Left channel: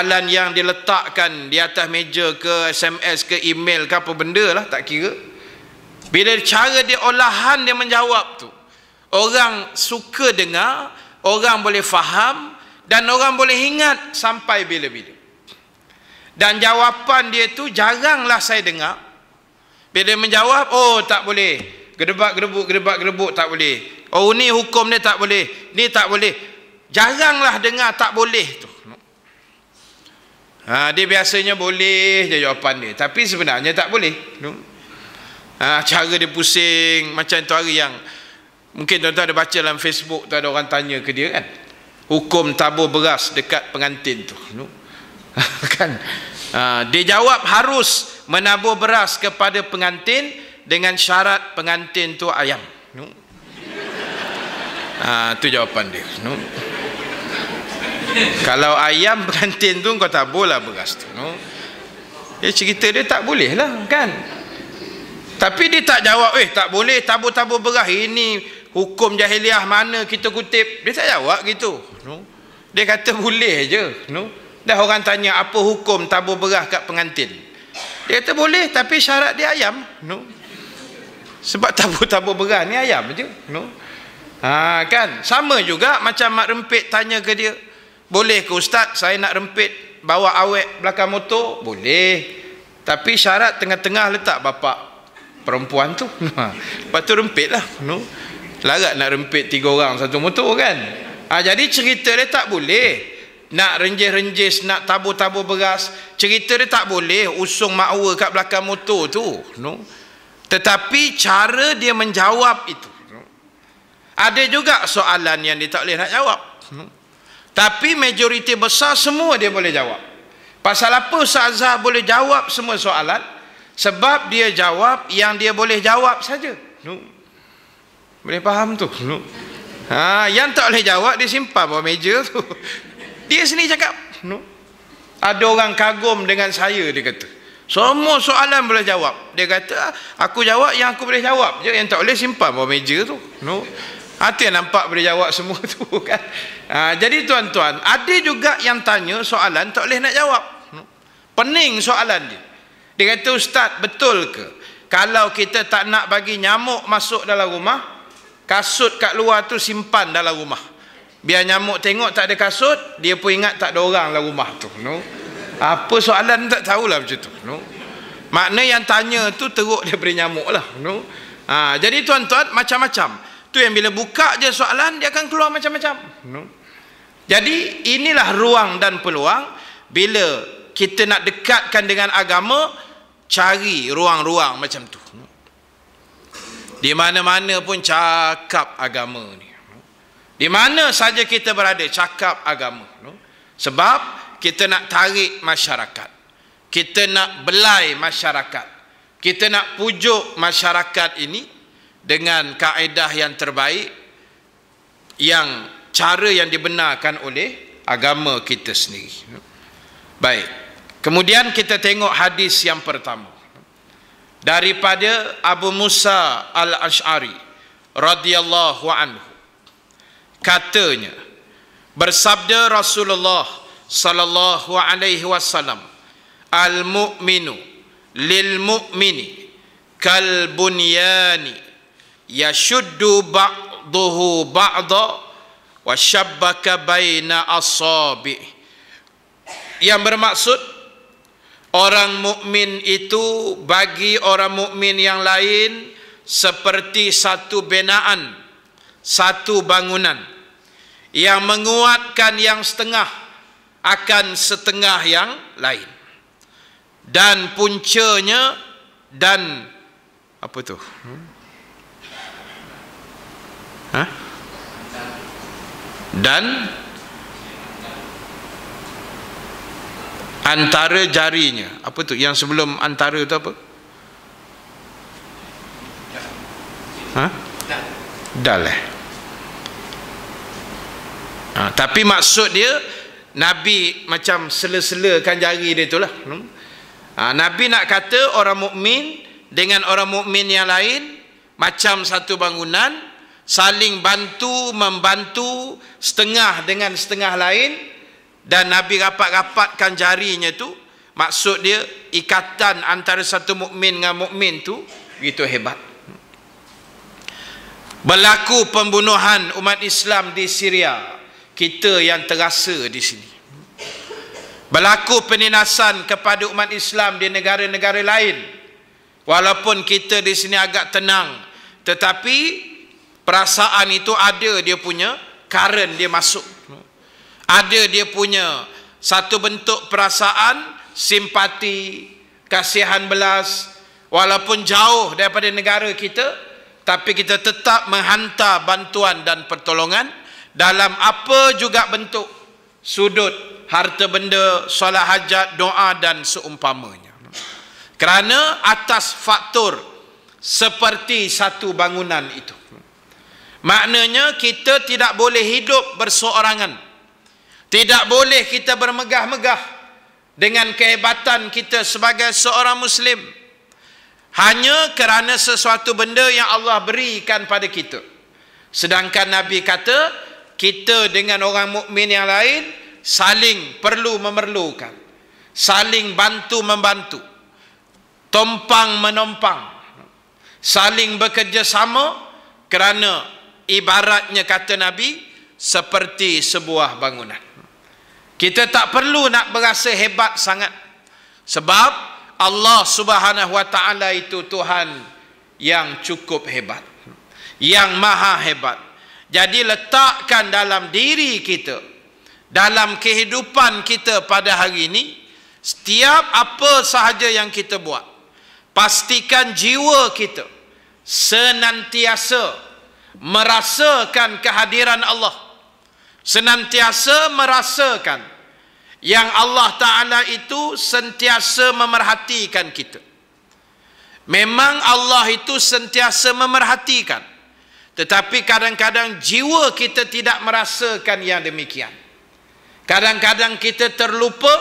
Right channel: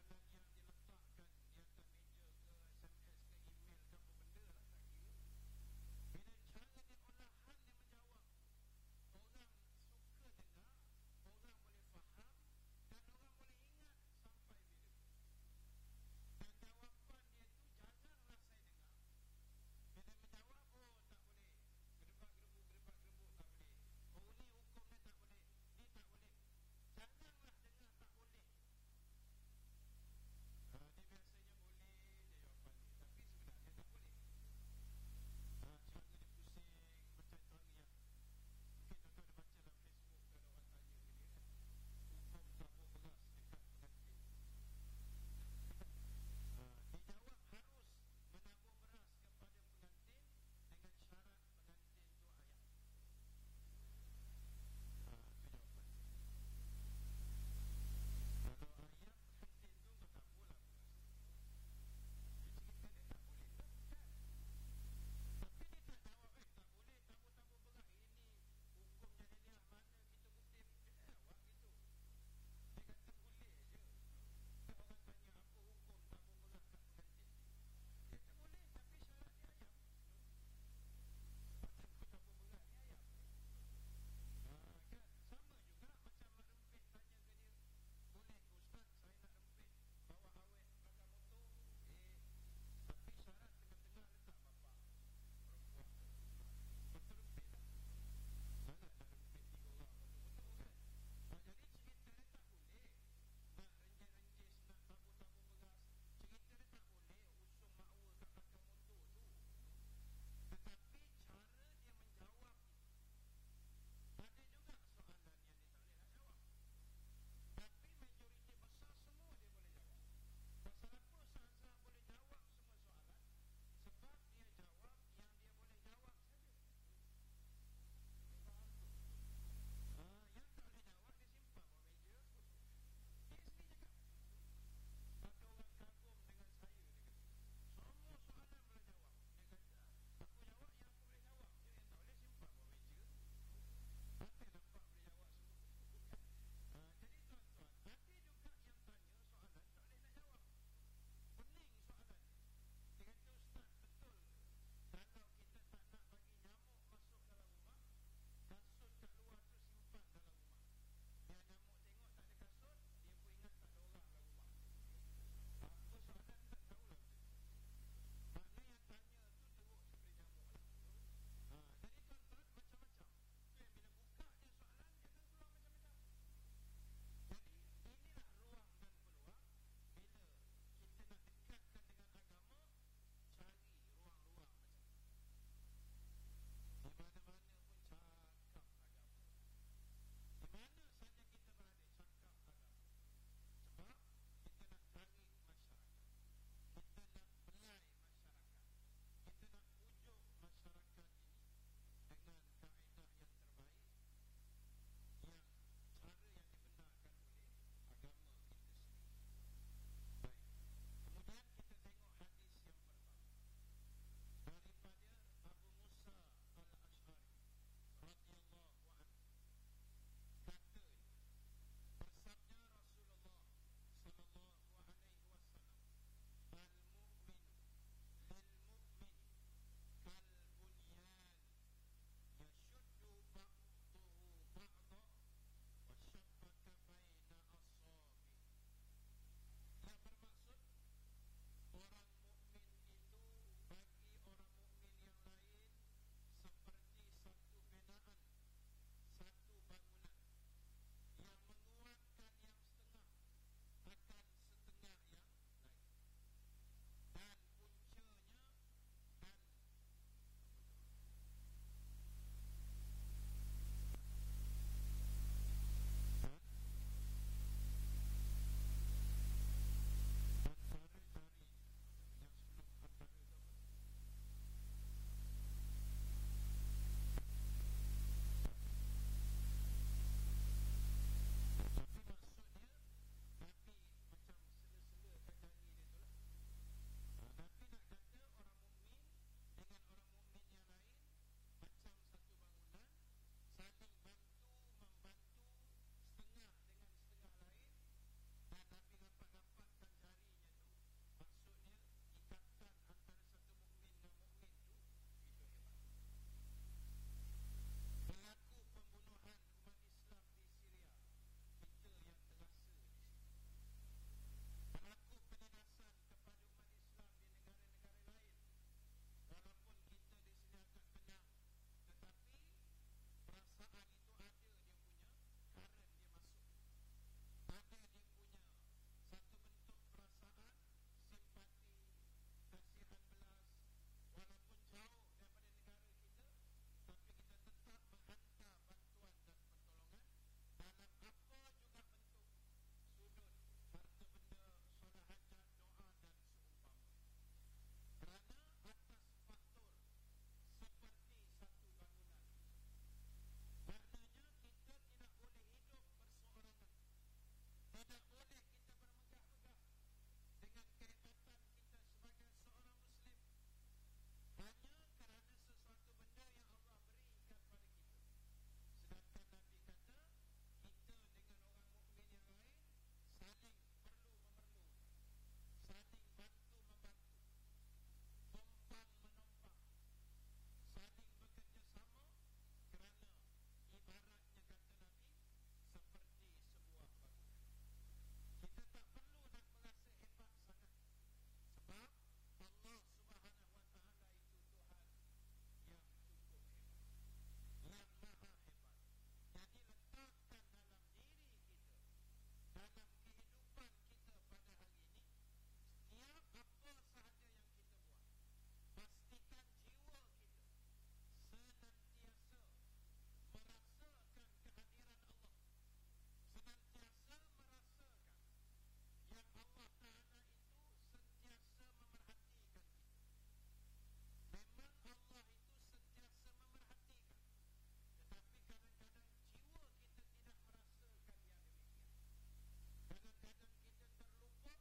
soalan yang diletakkan di atas meja ke SMS ke email ke apa benda lah, tak kira. Bila cara dia olahan dia menjawab tu, orang suka dengar, orang boleh faham dan orang boleh ingat sampai bila-bila. Dan jawapan dia tu jaranglah saya dengar. Bila dia menjawab, oh tak boleh, gedebak-gedebuk tak boleh, oh ni hukum dia tak boleh, ni tak boleh. Jaranglah dengar tak boleh tu. Dia biasanya boleh je jawapan dia, tapi sebenarnya tak boleh. Cara dia pusing macam tu. Hari yang mungkin tuan-tuan ada baca dalam Facebook tu, ada orang tanya ke dia kan, hukum tabur beras dekat pengantin tu. Kan? Dia jawab harus menabur beras kepada pengantin dengan syarat pengantin tu ayam. Tu jawapan dia. Kalau ayam pengantin tu kau taburlah beras tu. Dia cerita dia tak boleh lah kan. Tapi dia tak jawab, tak boleh tabur-tabur beras, ini hukum jahiliah mana kita kutip. Dia tak jawab gitu. Dia kata boleh je. Dah orang tanya apa hukum tabur beras kat pengantin, dia kata boleh tapi syarat dia ayam. Sebab tabur-tabur beras ni ayam je. Kan sama juga macam mak rempit tanya ke dia, boleh ke ustaz saya nak rempit bawa awet belakang motor? Boleh, tapi syarat tengah-tengah letak bapak perempuan tu. Lepas tu rempit lah. Larat nak rempit 3 orang satu motor kan. Jadi cerita dia tak boleh nak renjis-renjis, nak tabur-tabur beras. Cerita dia tak boleh usung makwa kat belakang motor tu. Tetapi cara dia menjawab itu. Ada juga soalan yang dia tak boleh nak jawab, tapi majoriti besar semua dia boleh jawab. Pasal apa Ustaz Azhar boleh jawab semua soalan? Sebab dia jawab yang dia boleh jawab saja. Boleh faham tu? Yang tak boleh jawab dia simpan bawah meja tu. Dia sendiri cakap. Ada orang kagum dengan saya, dia kata semua soalan boleh jawab. Dia kata aku jawab yang aku boleh jawab je, yang tak boleh simpan bawah meja tu. Itu yang nampak boleh jawab semua tu kan. Jadi tuan-tuan, ada juga yang tanya soalan tak boleh nak jawab. Pening soalan dia. Dia kata ustaz, betul ke kalau kita tak nak bagi nyamuk masuk dalam rumah, kasut kat luar tu simpan dalam rumah, biar nyamuk tengok tak ada kasut, dia pun ingat tak ada orang dalam rumah tu. Apa soalan tak tahulah macam tu. Makna yang tanya tu teruk daripada nyamuk lah. Jadi tuan-tuan, macam-macam tu yang bila buka je soalan dia akan keluar macam-macam. Jadi inilah ruang dan peluang bila kita nak dekatkan dengan agama. Cari ruang-ruang macam tu. Di mana-mana pun cakap agama ni. Di mana saja kita berada cakap agama. Sebab kita nak tarik masyarakat. Kita nak belai masyarakat. Kita nak pujuk masyarakat ini dengan kaedah yang terbaik, yang cara yang dibenarkan oleh agama kita sendiri. Baik. Kemudian kita tengok hadis yang pertama daripada Abu Musa Al-Ash'ari radhiyallahu anhu. Katanya, bersabda Rasulullah sallallahu alaihi wasallam, al-mu'minu lil mu'mini kal bunyani yashuddu ba'duhu ba'da wa shabbaka baina asabi'. Yang bermaksud, orang mukmin itu bagi orang mukmin yang lain seperti satu binaan, satu bangunan yang menguatkan yang setengah akan setengah yang lain, dan puncanya dan apa tu? Dan antara jarinya. Apa tu yang sebelum antara tu apa? Dal. Tapi maksud dia Nabi macam sela-selakan jari dia itulah. Nabi nak kata orang mukmin dengan orang mukmin yang lain macam satu bangunan, saling bantu membantu setengah dengan setengah lain, dan Nabi rapat-rapatkan jarinya tu, maksud dia ikatan antara satu mukmin dengan mukmin tu begitu hebat. Berlaku pembunuhan umat Islam di Syria, kita yang terasa di sini. Berlaku penindasan kepada umat Islam di negara-negara lain, walaupun kita di sini agak tenang, tetapi perasaan itu ada dia punya current, dia masuk. Ada dia punya satu bentuk perasaan simpati, kasihan belas, walaupun jauh daripada negara kita, tapi kita tetap menghantar bantuan dan pertolongan dalam apa juga bentuk, sudut, harta benda, solat hajat, doa dan seumpamanya. Kerana atas faktor seperti satu bangunan itu. Maknanya kita tidak boleh hidup berseorangan. Tidak boleh kita bermegah-megah dengan kehebatan kita sebagai seorang Muslim, hanya kerana sesuatu benda yang Allah berikan pada kita. Sedangkan Nabi kata, kita dengan orang mukmin yang lain saling perlu memerlukan, saling bantu membantu, tompang menompang, saling bekerjasama, kerana ibaratnya kata Nabi seperti sebuah bangunan. Kita tak perlu nak berasa hebat sangat, sebab Allah Subhanahu wa ta'ala itu Tuhan yang cukup hebat, yang maha hebat. Jadi letakkan dalam diri kita, dalam kehidupan kita pada hari ini, setiap apa sahaja yang kita buat, pastikan jiwa kita senantiasa merasakan kehadiran Allah, senantiasa merasakan yang Allah Ta'ala itu sentiasa memerhatikan kita. Memang Allah itu sentiasa memerhatikan, tetapi kadang-kadang jiwa kita tidak merasakan yang demikian. Kadang-kadang kita terlupa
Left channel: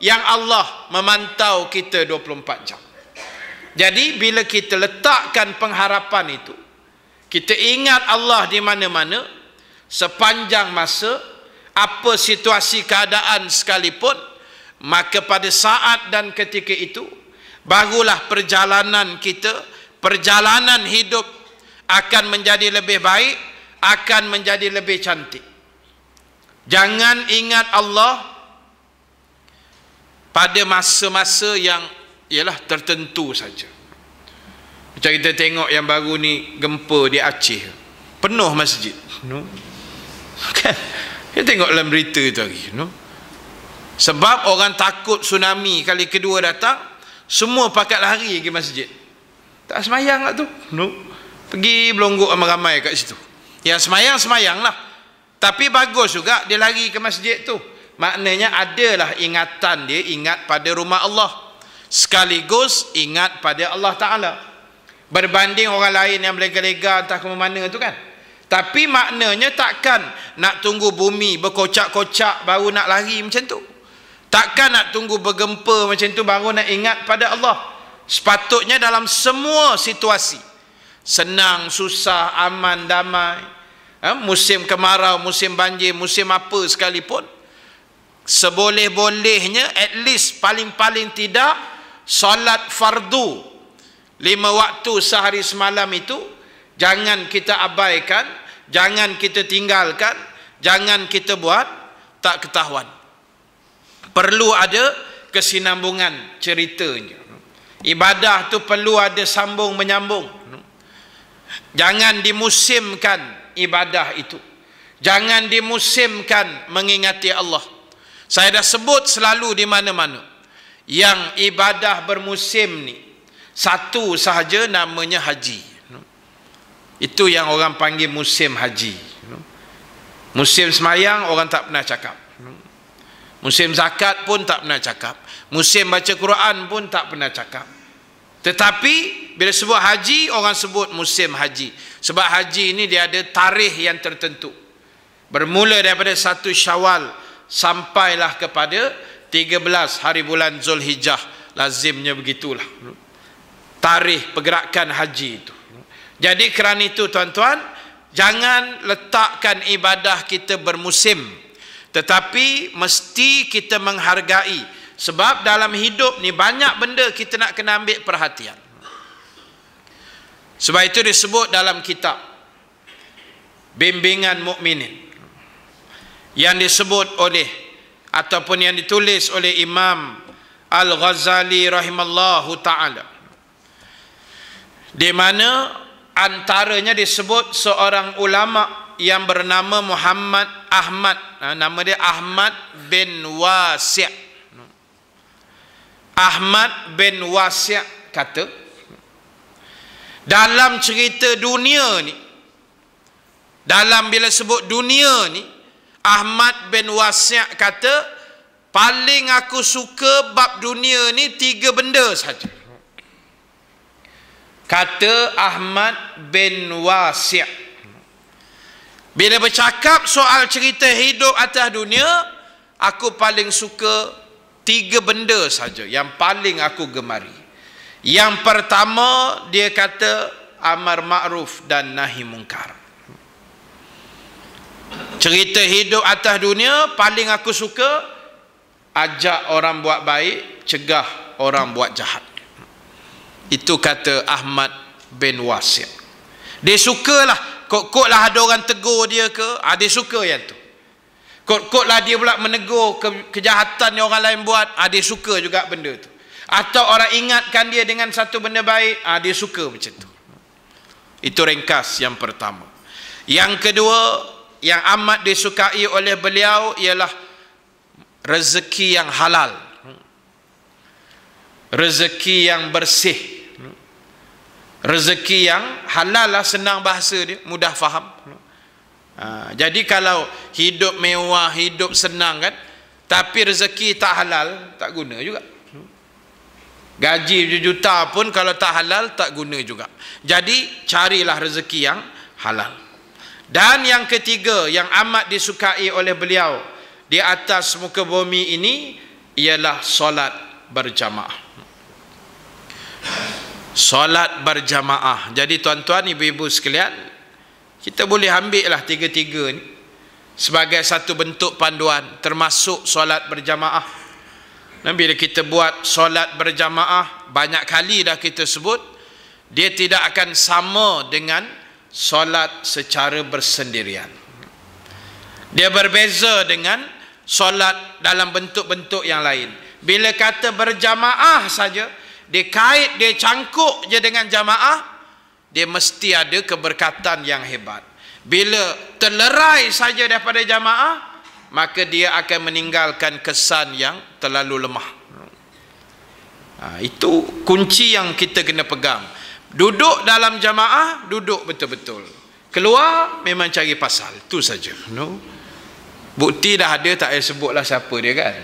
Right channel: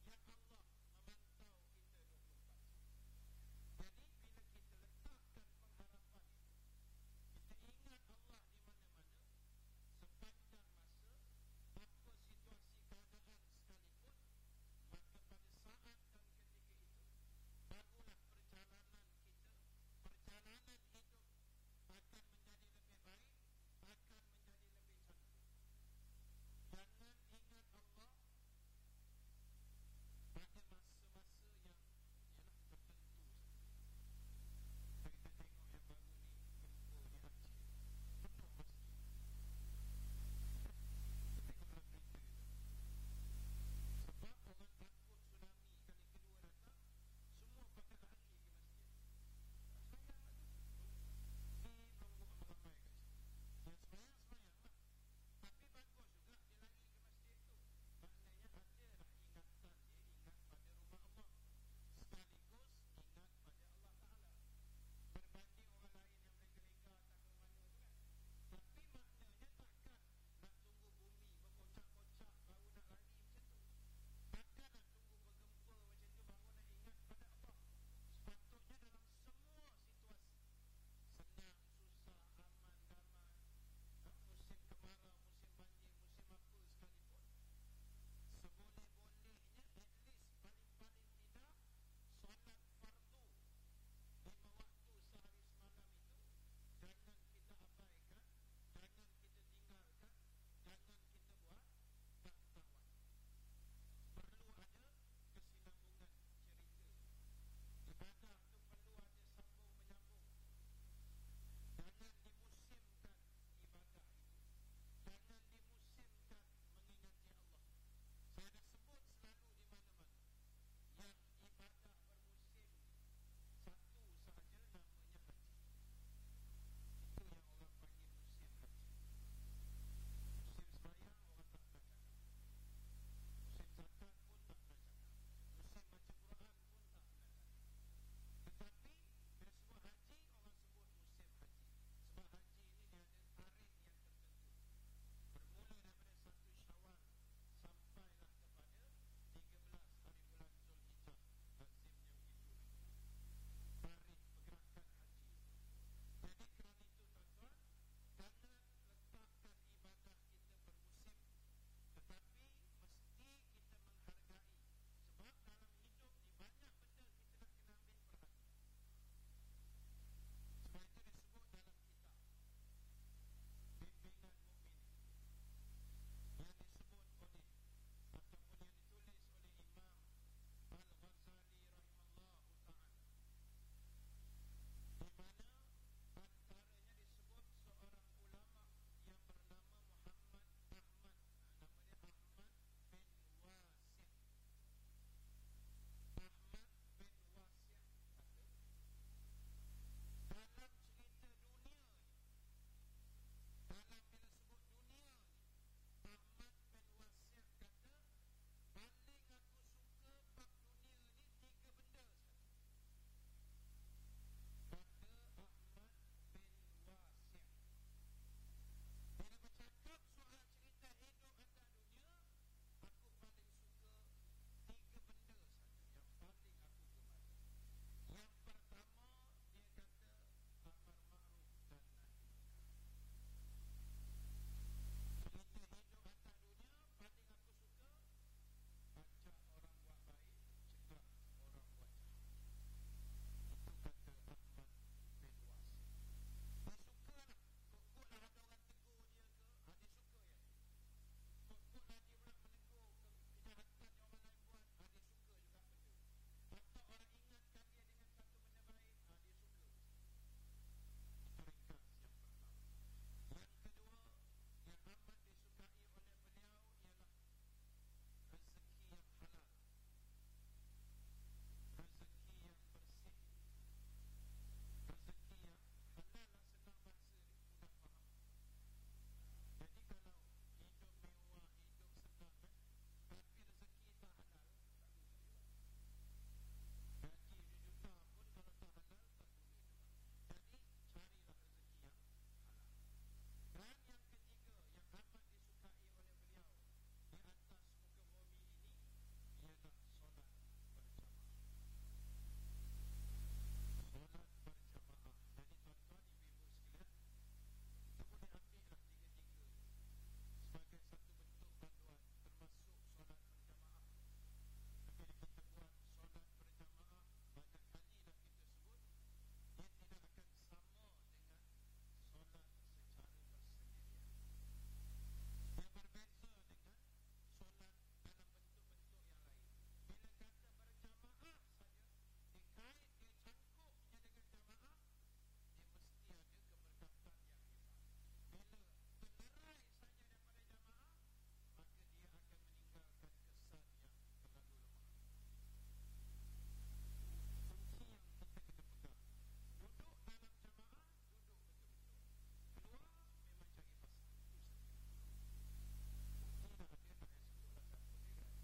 yang Allah memantau kita 24 jam. Jadi bila kita letakkan pengharapan itu, kita ingat Allah di mana-mana, sepanjang masa, apa situasi keadaan sekalipun, maka pada saat dan ketika itu barulah perjalanan kita, perjalanan hidup akan menjadi lebih baik, akan menjadi lebih cantik. Jangan ingat Allah pada masa-masa yang ialah tertentu saja. Macam kita tengok yang baru ni, gempa di Aceh, penuh masjid, kan? Kita tengok dalam berita itu hari, sebab orang takut tsunami kali kedua datang, semua pakat lari ke masjid. Tak semayang lah tu, pergi belonggok ramai-ramai kat situ. Yang semayang lah, tapi bagus juga dia lari ke masjid tu. Maknanya adalah ingatan dia, ingat pada rumah Allah, sekaligus ingat pada Allah Ta'ala, berbanding orang lain yang berlega-lega entah ke mana tu kan. Tapi maknanya takkan nak tunggu bumi berkocak-kocak baru nak lari macam tu. Takkan nak tunggu bergempa macam tu baru nak ingat pada Allah. Sepatutnya dalam semua situasi, senang, susah, aman, damai, musim kemarau, musim banjir, musim apa sekalipun, seboleh-bolehnya at least paling-paling tidak solat fardu 5 waktu sehari semalam itu jangan kita abaikan, jangan kita tinggalkan, jangan kita buat tak ketahuan. Perlu ada kesinambungan ceritanya. Ibadah tu perlu ada sambung menyambung. Jangan dimusimkan ibadah itu. Jangan dimusimkan mengingati Allah. Saya dah sebut selalu di mana-mana, yang ibadah bermusim ni satu sahaja, namanya haji. Itu yang orang panggil musim haji. Musim semayang orang tak pernah cakap, musim zakat pun tak pernah cakap, musim baca Quran pun tak pernah cakap. Tetapi bila sebut haji, orang sebut musim haji. Sebab haji ini dia ada tarikh yang tertentu, bermula daripada 1 Syawal sampailah kepada 13 hari bulan Zulhijjah. Lazimnya begitulah tarikh pergerakan haji itu. Jadi kerana itu tuan-tuan, jangan letakkan ibadah kita bermusim. Tetapi mesti kita menghargai, sebab dalam hidup ni banyak benda kita nak kena ambil perhatian. Sebab itu disebut dalam kitab Bimbingan Mukminin yang disebut oleh ataupun yang ditulis oleh Imam Al-Ghazali rahimallahu ta'ala, di mana antaranya disebut seorang ulama yang bernama Muhammad Ahmad, nama dia Ahmad bin Wasi'. Ahmad bin Wasi' kata, dalam cerita dunia ni, dalam bila sebut dunia ni, Ahmad bin Wasi' kata, paling aku suka bab dunia ni 3 benda saja. Kata Ahmad bin Wasi', bila bercakap soal cerita hidup atas dunia, aku paling suka 3 benda saja yang paling aku gemari. Yang pertama, dia kata amar ma'ruf dan nahi mungkar. Cerita hidup atas dunia paling aku suka ajak orang buat baik, cegah orang buat jahat. Itu kata Ahmad bin Wasi'. Dia sukalah, kot-kot lah ada orang tegur dia ke, dia suka yang tu. Kot-kot lah dia pula menegur kejahatan yang orang lain buat, dia suka juga benda tu. Atau orang ingatkan dia dengan satu benda baik, dia suka macam tu. Itu ringkas yang pertama. Yang kedua, yang amat disukai oleh beliau ialah rezeki yang halal, rezeki yang bersih. Rezeki yang halal lah, senang bahasa dia, mudah faham. Jadi kalau hidup mewah, hidup senang kan, tapi rezeki tak halal, tak guna juga. Gaji berjuta pun kalau tak halal, tak guna juga. Jadi carilah rezeki yang halal. Dan yang ketiga, yang amat disukai oleh beliau di atas muka bumi ini, ialah solat berjamaah. Solat berjamaah. Jadi tuan-tuan, ibu-ibu sekalian, kita boleh ambil lah 3-3 ni sebagai satu bentuk panduan, termasuk solat berjamaah. Dan bila kita buat solat berjamaah, banyak kali dah kita sebut, dia tidak akan sama dengan solat secara bersendirian. Dia berbeza dengan solat dalam bentuk-bentuk yang lain. Bila kata berjamaah saja, dia kait, dia cangkuk je dengan jamaah, dia mesti ada keberkatan yang hebat. Bila terlerai saja daripada jamaah, maka dia akan meninggalkan kesan yang terlalu lemah. Itu kunci yang kita kena pegang. Duduk dalam jamaah, duduk betul-betul. Keluar, memang cari pasal. Itu saja. No? Bukti dah ada, tak payah sebutlah siapa dia kan.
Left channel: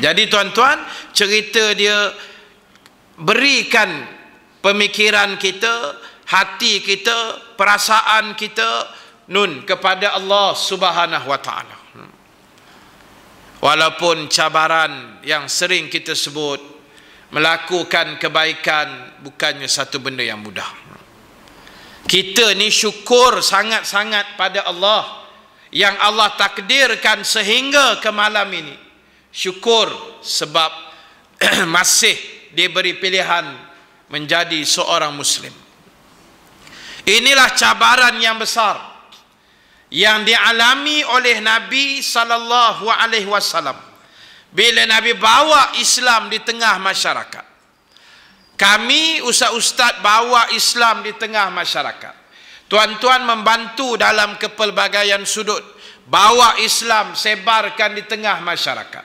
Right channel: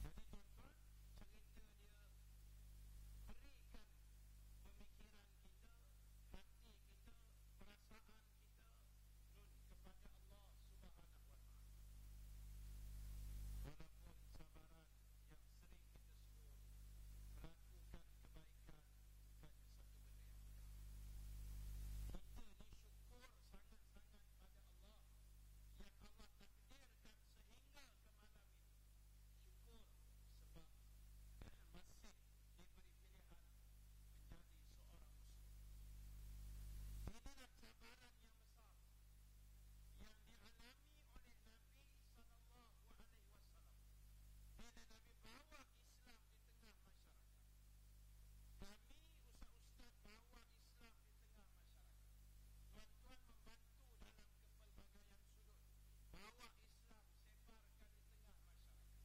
Jadi tuan-tuan, cerita dia berikan pemikiran kita, hati kita, perasaan kita kepada Allah Subhanahu wa ta'ala. Walaupun cabaran yang sering kita sebut, melakukan kebaikan bukannya satu benda yang mudah. Kita ni syukur sangat-sangat pada Allah yang Allah takdirkan sehingga ke malam ini. Syukur sebab masih diberi pilihan menjadi seorang muslim. Inilah cabaran yang besar yang dialami oleh Nabi sallallahu alaihi wasallam bila Nabi bawa Islam di tengah masyarakat. Kami ustaz-ustaz bawa Islam di tengah masyarakat. Tuan-tuan membantu dalam kepelbagaian sudut, bawa Islam, sebarkan di tengah masyarakat.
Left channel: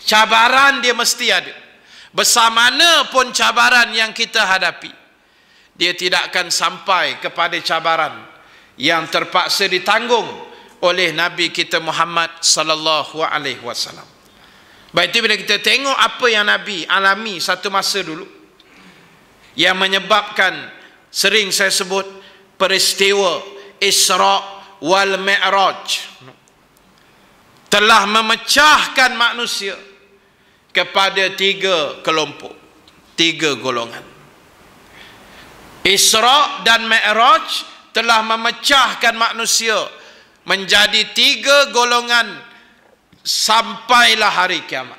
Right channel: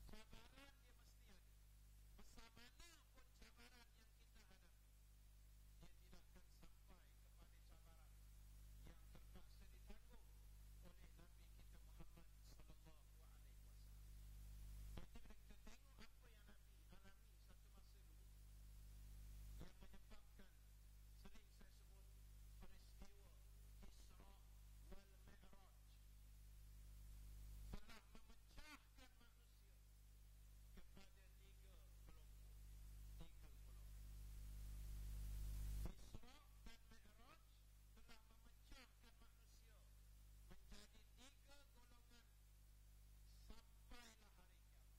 Cabaran dia mesti ada. Besar mana pun cabaran yang kita hadapi, dia tidak akan sampai kepada cabaran yang terpaksa ditanggung oleh Nabi kita Muhammad sallallahu alaihi wasallam. Baik, itu bila kita tengok apa yang Nabi alami satu masa dulu, yang menyebabkan sering saya sebut peristiwa Isra wal Mi'raj, telah memecahkan manusia kepada 3 kelompok, 3 golongan. Isra dan Mi'raj telah memecahkan manusia menjadi 3 golongan sampailah hari kiamat.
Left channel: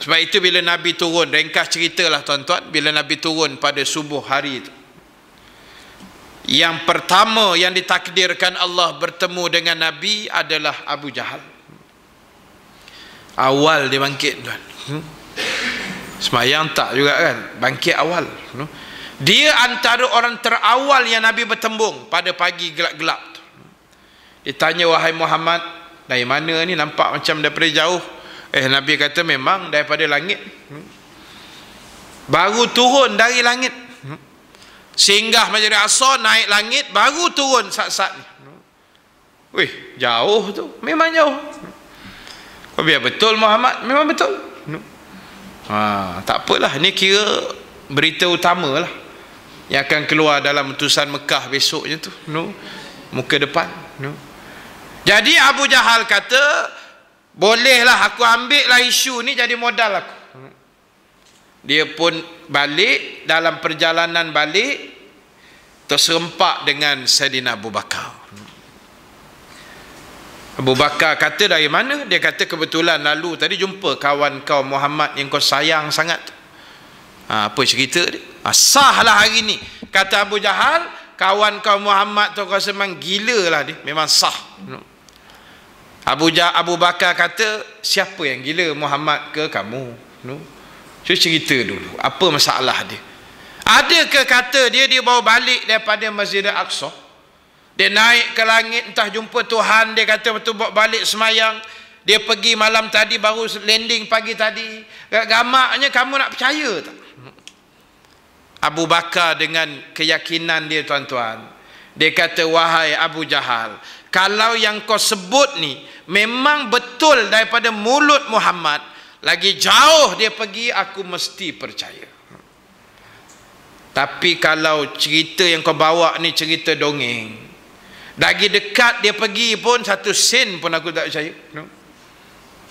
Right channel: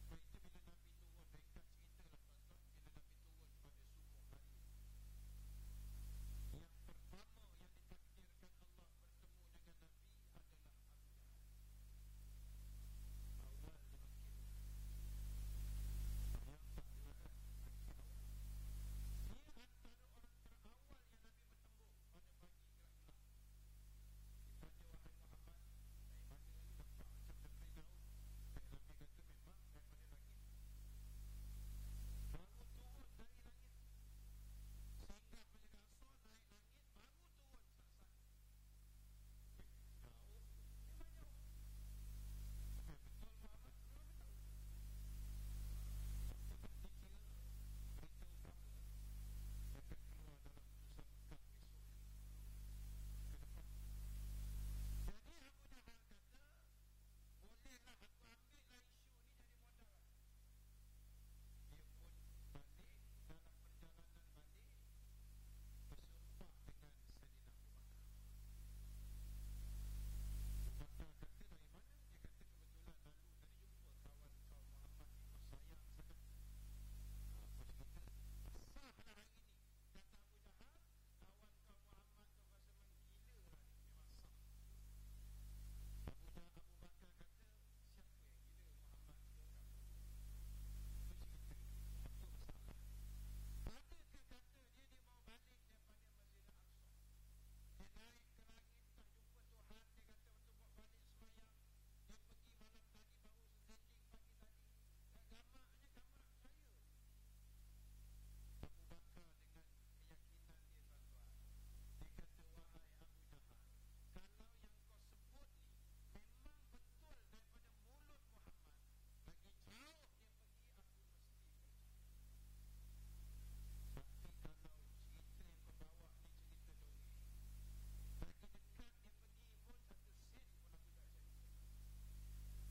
Sebab itu bila Nabi turun, ringkas ceritalah tuan-tuan, bila Nabi turun pada subuh hari itu, yang pertama yang ditakdirkan Allah bertemu dengan Nabi adalah Abu Jahal. Awal dia bangkit tuan. Semayang tak juga kan, bangkit awal. Dia antara orang terawal yang Nabi bertembung pada pagi gelap-gelap. Dia tanya, wahai Muhammad, dari mana ni, nampak macam daripada jauh? Nabi kata memang daripada langit. Baru turun dari langit. Singgah Masjid Al-Aqsa, naik langit, baru turun saat-saat ni. Wih, jauh tu, memang jauh. Biar betul Muhammad, memang betul. Tak apalah, ni kira berita utama lah yang akan keluar dalam utusan Mekah besoknya tu. Muka depan. Jadi Abu Jahal kata, bolehlah aku ambil lah isu ni jadi modal aku. Dia pun balik, dalam perjalanan balik terserempak dengan Saidina Abu Bakar. Abu Bakar kata, dari mana? Dia kata, kebetulan lalu tadi jumpa kawan kau Muhammad yang kau sayang sangat. Apa cerita dia? Sahlah hari ni, kata Abu Jahal, kawan kau Muhammad tu kau memang gila lah dia, memang sah. Abu Bakar kata, siapa yang gila, Muhammad ke kamu? Cuba cerita dulu, apa masalah dia? Adakah kata dia bawa balik daripada Masjid Al-Aqsa, dia naik ke langit, entah jumpa Tuhan, dia kata betul bawa balik semayang, dia pergi malam tadi, baru landing pagi tadi. Gamaknya kamu nak percaya tak? Abu Bakar dengan keyakinan dia tuan-tuan, dia kata, wahai Abu Jahal, kalau yang kau sebut ni memang betul daripada mulut Muhammad, lagi jauh dia pergi, aku mesti percaya. Tapi kalau cerita yang kau bawa ni cerita dongeng, lagi dekat dia pergi pun, satu sen pun aku tak percaya.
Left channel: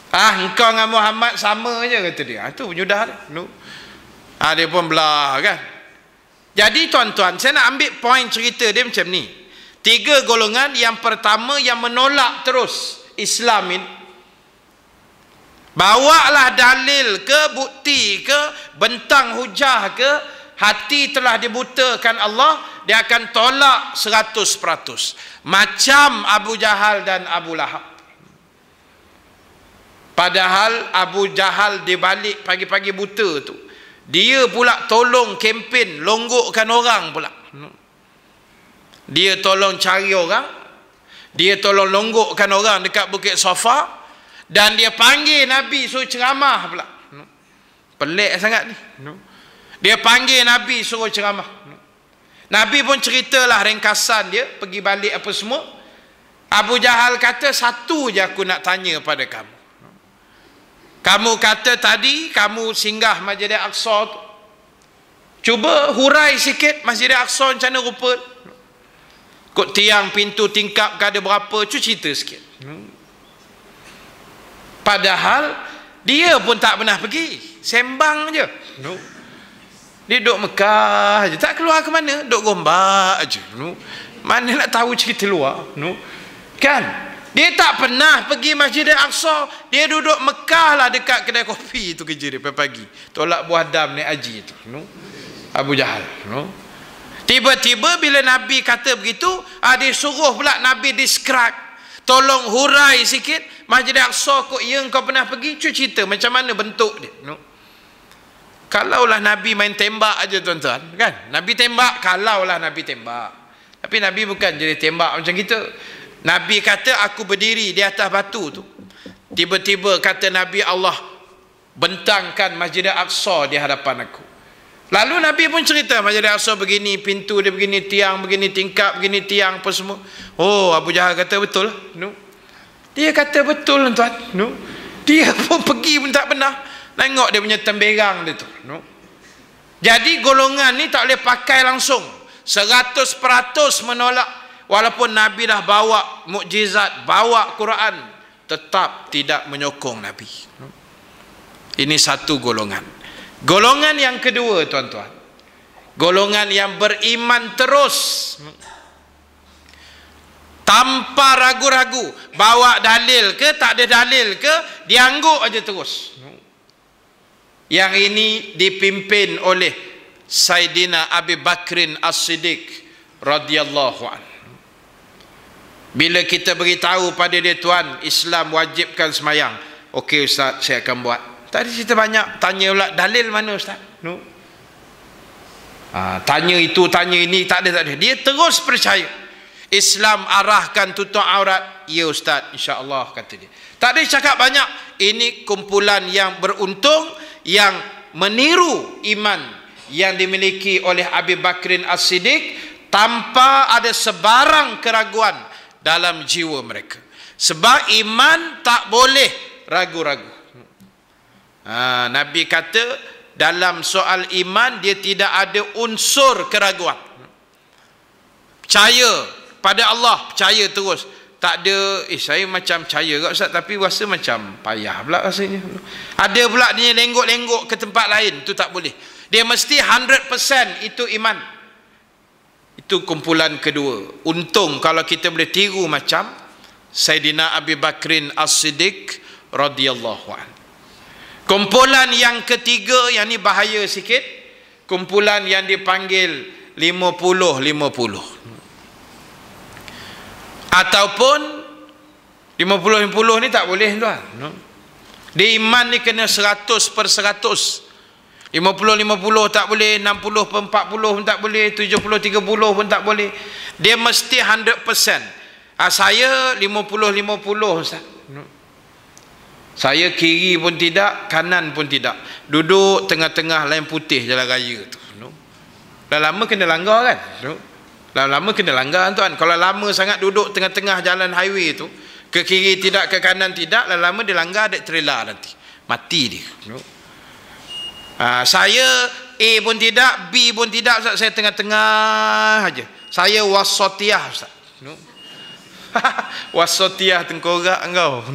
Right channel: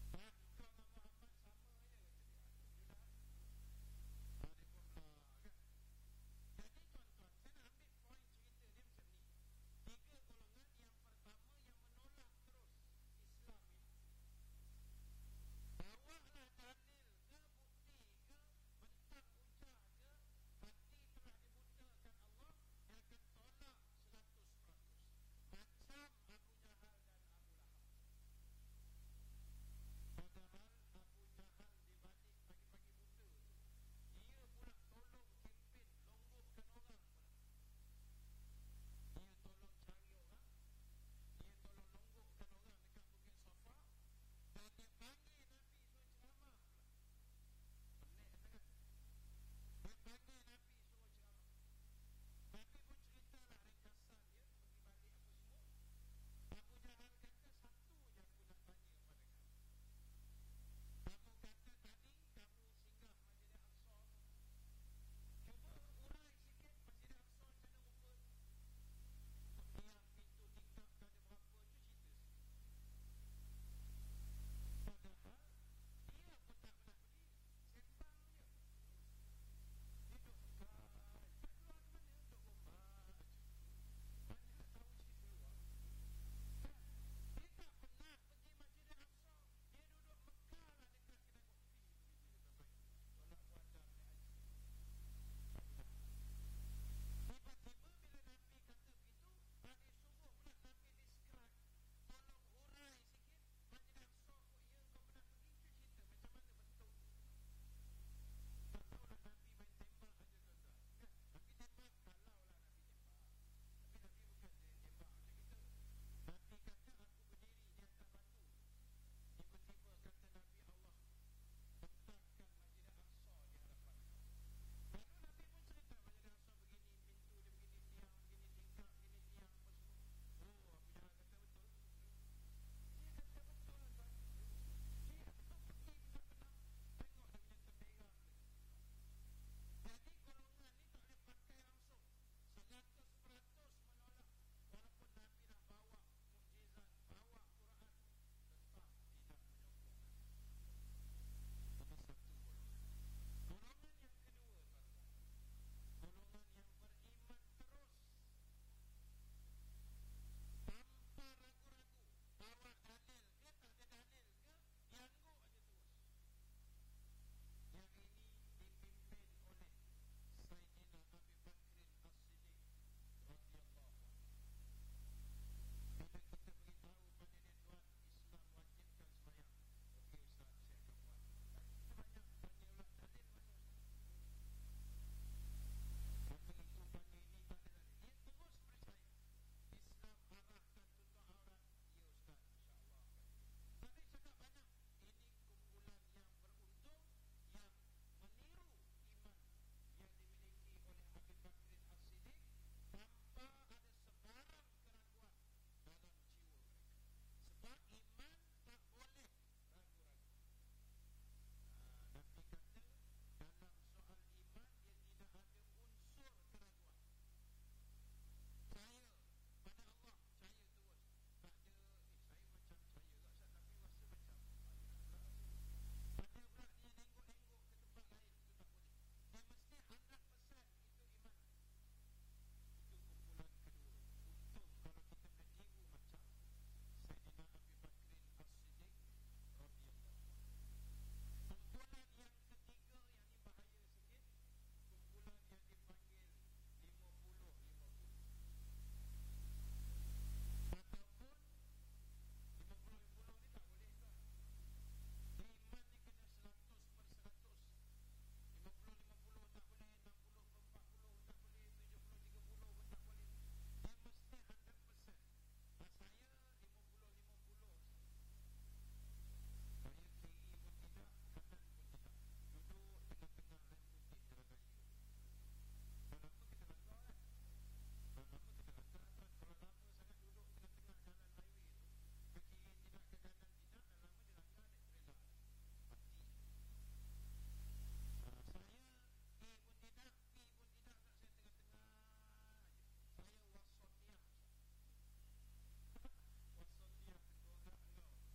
Engkau dengan Muhammad sama je, kata dia. Itu penyudah dia. Dia pun belah kan. Jadi tuan-tuan, saya nak ambil poin cerita dia macam ni. 3 golongan. Yang pertama yang menolak terus Islam ini, bawalah dalil ke, bukti ke, bentang hujah ke, hati telah dibutakan Allah, dia akan tolak 100%. Macam Abu Jahal dan Abu Lahab. Padahal Abu Jahal di balik pagi-pagi buta tu, dia pula tolong kempen longgokkan orang pula. Dia tolong cari orang, dia tolong longgokkan orang dekat Bukit Safa, dan dia panggil Nabi suruh ceramah pula. Pelik sangat ni. Dia panggil Nabi suruh ceramah. Nabi pun ceritalah ringkasan dia, pergi balik apa semua. Abu Jahal kata, satu je aku nak tanya pada kamu. Kamu kata tadi kamu singgah Masjid Al-Aqsa tu, cuba hurai sikit Masjid Al-Aqsa macam mana rupa. Kod tiang, pintu, tingkap ada berapa, cuba cerita sikit. Padahal dia pun tak pernah pergi, sembang je. Dia duduk Mekah je, tak keluar ke mana, duduk Gombak je. Mana nak tahu cerita luar, kan? Dia tak pernah pergi Masjid Al-Aqsa, dia duduk Mekah lah, dekat kedai kopi tu kerja dia pagi. Tolak buah dam naik haji tu. Abu Jahal. Tiba-tiba bila Nabi kata begitu, dia suruh pula Nabi describe, tolong hurai sikit Masjid Al-Aqsa kok yang kau pernah pergi, cuba cerita macam mana bentuk dia. Kalaulah Nabi main tembak aja tuan-tuan, kan? Nabi tembak, kalaulah Nabi tembak. Tapi Nabi bukan jadi tembak macam kita. Nabi kata, aku berdiri di atas batu tu, tiba-tiba kata Nabi, Allah bentangkan Masjid Al-Aqsa di hadapan aku. Lalu Nabi pun cerita, Masjid Al-Aqsa begini, pintu dia begini, tiang begini, tingkap begini, tiang apa semua. Oh, Abu Jahal kata betul. Dia kata betul tuan. Dia pun pergi pun tak pernah. Tengok dia punya temberang dia tu. Jadi golongan ni tak boleh pakai langsung, 100% menolak. Walaupun Nabi dah bawa mukjizat, bawa Quran, tetap tidak menyokong Nabi. Ini satu golongan. Golongan yang kedua tuan-tuan, golongan yang beriman terus tanpa ragu-ragu, bawa dalil ke tak ada dalil ke, diangguk aja terus. Yang ini dipimpin oleh Saidina Abi Bakrin As-Siddiq radhiyallahu anhu. Bila kita beritahu pada dia, tuan, Islam wajibkan semayang, okey ustaz, saya akan buat. Tak ada cerita banyak. Tanya pula, dalil mana ustaz? Tanya itu, tanya ini, tak ada. Dia terus percaya. Islam arahkan tutup aurat, ya ustaz, insya-Allah, kata dia. Tak ada cakap banyak. Ini kumpulan yang beruntung, yang meniru iman yang dimiliki oleh Abi Bakrin As-Siddiq tanpa ada sebarang keraguan dalam jiwa mereka. Sebab iman tak boleh ragu-ragu. Nabi kata dalam soal iman dia tidak ada unsur keraguan. Percaya pada Allah, percaya terus. Tak ada, saya macam percaya kat ustaz tapi rasa macam payah pula rasanya. Ada pula dia lenggok-lenggok ke tempat lain, tu tak boleh. Dia mesti 100% itu iman. Itu kumpulan kedua. Untung kalau kita boleh tiru macam Saidina Abi Bakrin As-Siddiq radhiyallahu anhu. Kumpulan yang ketiga, yang ni bahaya sikit, kumpulan yang dipanggil 50-50. Ataupun 50-50 ni tak boleh tuan. Dia iman ni kena 100%. 50-50 tak boleh, 60-40 pun tak boleh, 70-30 pun tak boleh. Dia mesti 100%. Saya 50-50 ustaz. Saya kiri pun tidak, kanan pun tidak. Duduk tengah-tengah lain putih jalan raya tu. Dah lama kena langgar kan? Lama kena langgar tuan. Kalau lama sangat duduk tengah-tengah jalan highway tu, ke kiri tidak, ke kanan tidak, lama dia langgar, ada trailer nanti. Mati dia. Saya A pun tidak, B pun tidak ustaz. Saya tengah-tengah aja. Saya wasatiyah ustaz. Wasatiyah tengkorak engkau.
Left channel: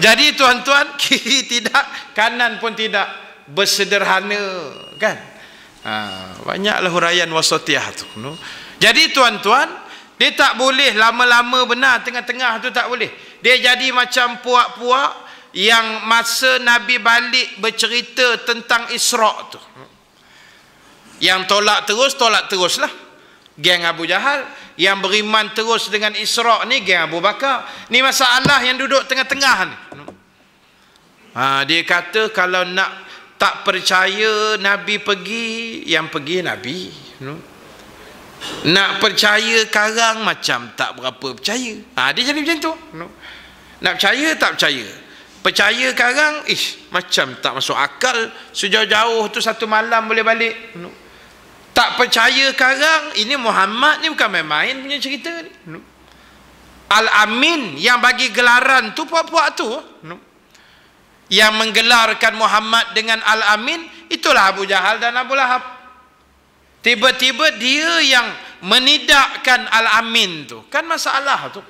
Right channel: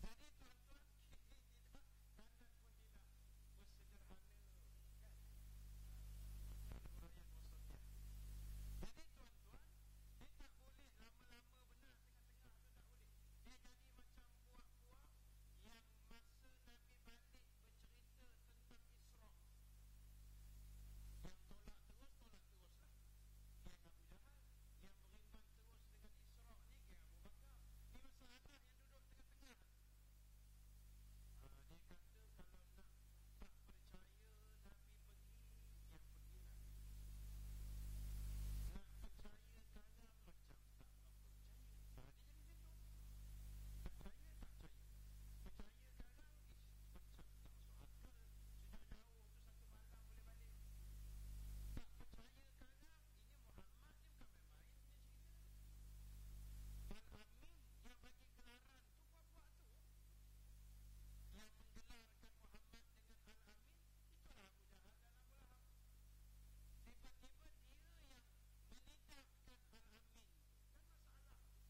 Jadi tuan-tuan, kiri tidak, kanan pun tidak, bersederhana kan. Banyaklah huraian wasatiyah tu. Jadi tuan-tuan, dia tak boleh lama-lama benar, tengah-tengah tu tak boleh. Dia jadi macam puak-puak yang masa Nabi balik bercerita tentang Isra' tu. Yang tolak teruslah. Geng Abu Jahal. Yang beriman terus dengan Isra' ni geng Abu Bakar. Ni masalah yang duduk tengah-tengah ni. Dia kata kalau nak tak percaya Nabi pergi, yang pergi Nabi. Nak percaya karang macam tak berapa percaya. Dia jadi macam tu. Nak percaya tak percaya. Percaya karang, macam tak masuk akal. Sejauh-jauh tu satu malam boleh balik. Tak percaya karang, ini Muhammad ni bukan main-main punya cerita ni. Al-Amin yang bagi gelaran tu puak-puak tu. Yang menggelarkan Muhammad dengan Al-Amin, itulah Abu Jahal dan Abu Lahab. Tiba-tiba dia yang menidakkan Al-Amin tu. Kan masalah tu.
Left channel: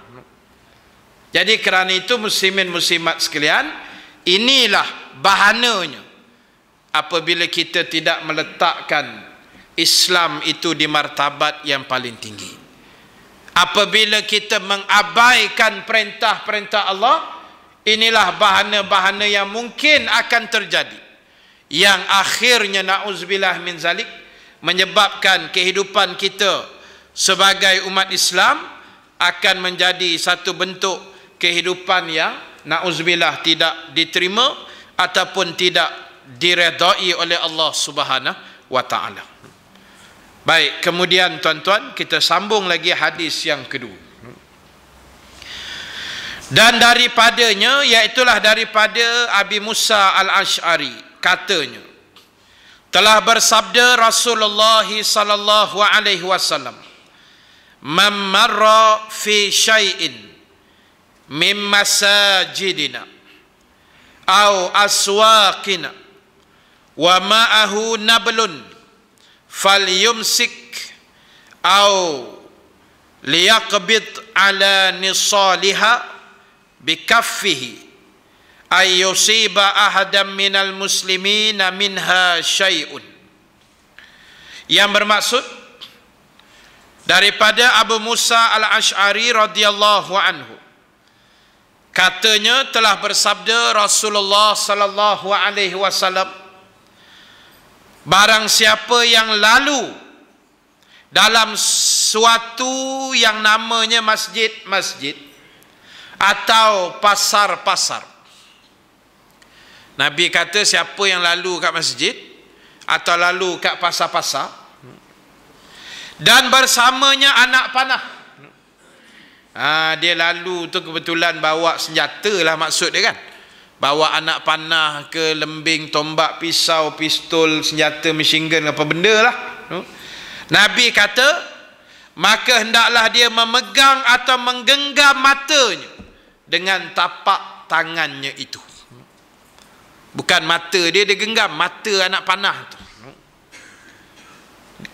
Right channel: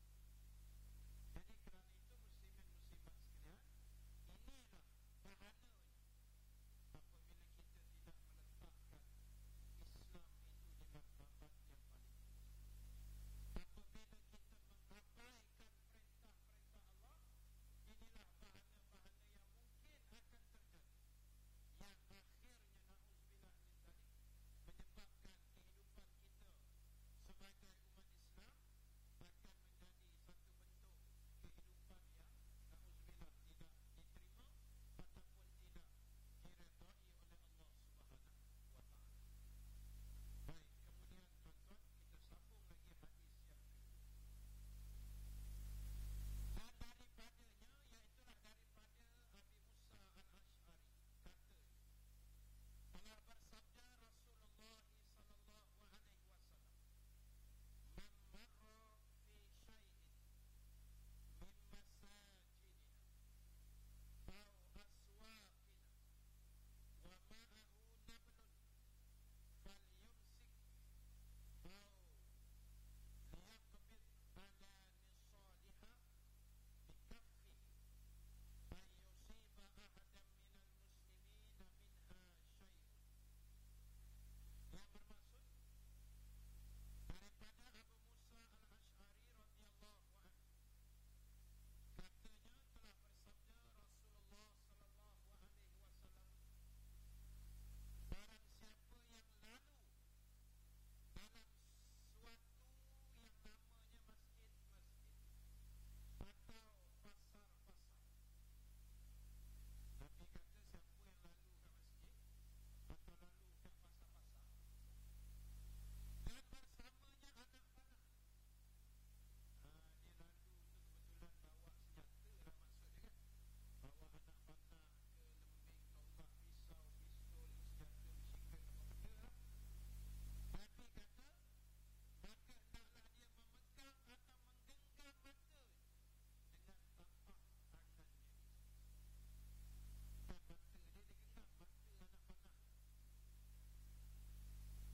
Jadi kerana itu muslimin muslimat sekalian, inilah bahananya apabila kita tidak meletakkan Islam itu di martabat yang paling tinggi. Apabila kita mengabaikan perintah-perintah Allah, inilah bahana-bahana yang mungkin akan terjadi. Yang akhirnya na'udzubillah min zalik, menyebabkan kehidupan kita sebagai umat Islam akan menjadi satu bentuk kehidupan yang na'udzubillah tidak diterima ataupun tidak diredai oleh Allah Subhanahu wa ta'ala. Baik, kemudian tuan-tuan, kita sambung lagi hadis yang kedua. Dan daripadanya, iaitulah daripada Abi Musa Al-Ash'ari, katanya, telah bersabda Rasulullah sallallahu alaihi wasallam, "Man marra fi syai'in min masajidina aw aswaqina wa ma'ahu nablun falyumsik aw liyaqbid ala nisaliha bikaffihi ay yusiba ahadan minal muslimina minha syai'un." Yang bermaksud, daripada Abu Musa al-Ash'ari radhiyallahu anhu, katanya telah bersabda Rasulullah sallallahu alaihi wasallam, barang siapa yang lalu dalam suatu yang namanya masjid-masjid atau pasar-pasar. Nabi kata siapa yang lalu kat masjid atau lalu kat pasar-pasar dan bersamanya anak panah. Dia lalu tu kebetulan bawa senjata lah maksud dia kan. Bawa anak panah ke, lembing, tombak, pisau, pistol, senjata machine gun, apa benda lah. Nabi kata, maka hendaklah dia memegang atau menggenggam matanya dengan tapak tangannya itu. Bukan mata dia genggam, mata anak panah tu.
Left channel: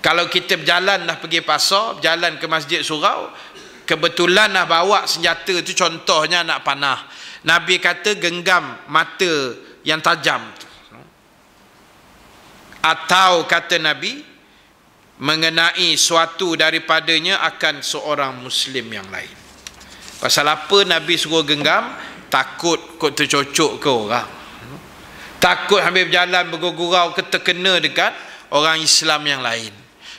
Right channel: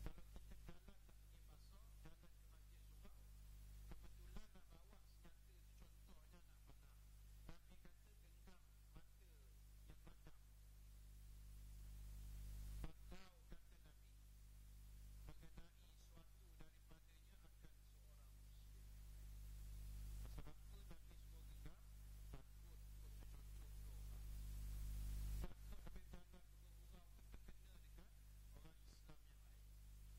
Kalau kita berjalan dah pergi pasar, berjalan ke masjid surau, kebetulan dah bawa senjata tu, contohnya anak panah, Nabi kata genggam mata yang tajam tu. Atau kata Nabi, mengenai suatu daripadanya akan seorang Muslim yang lain. Pasal apa Nabi suruh genggam? Takut kot tercocok ke orang, takut ambil berjalan bergurau ke terkena dekat orang Islam yang lain.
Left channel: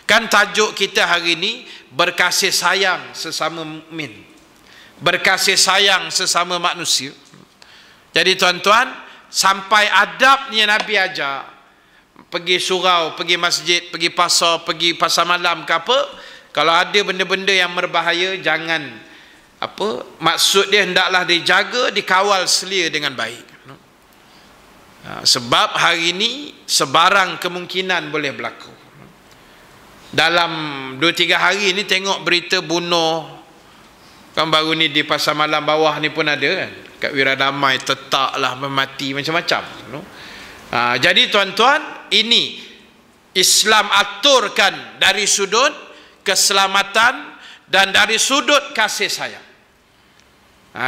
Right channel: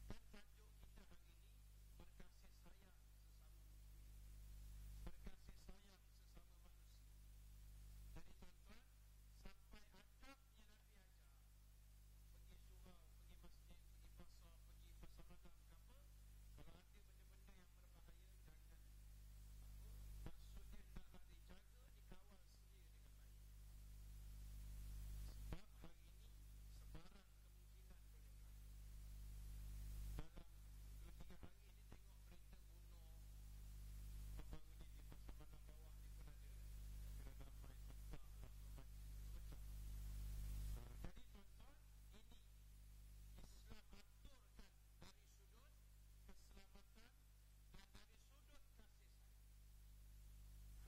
Kan tajuk kita hari ini berkasih sayang sesama mukmin, berkasih sayang sesama manusia. Jadi tuan-tuan, sampai adabnya Nabi ajar, pergi surau, pergi masjid, pergi pasar malam ke apa, kalau ada benda-benda yang berbahaya, jangan apa, maksud dia hendaklah dijaga, dikawal selia dengan baik. Sebab hari ini sebarang kemungkinan boleh berlaku. Dalam 2-3 hari ni tengok berita bunuh, kan baru ni di pasar malam bawah ni pun ada kan, kat Wiradamai tetak lah, mati macam-macam. Jadi tuan-tuan, ini Islam aturkan dari sudut keselamatan dan dari sudut kasih sayang.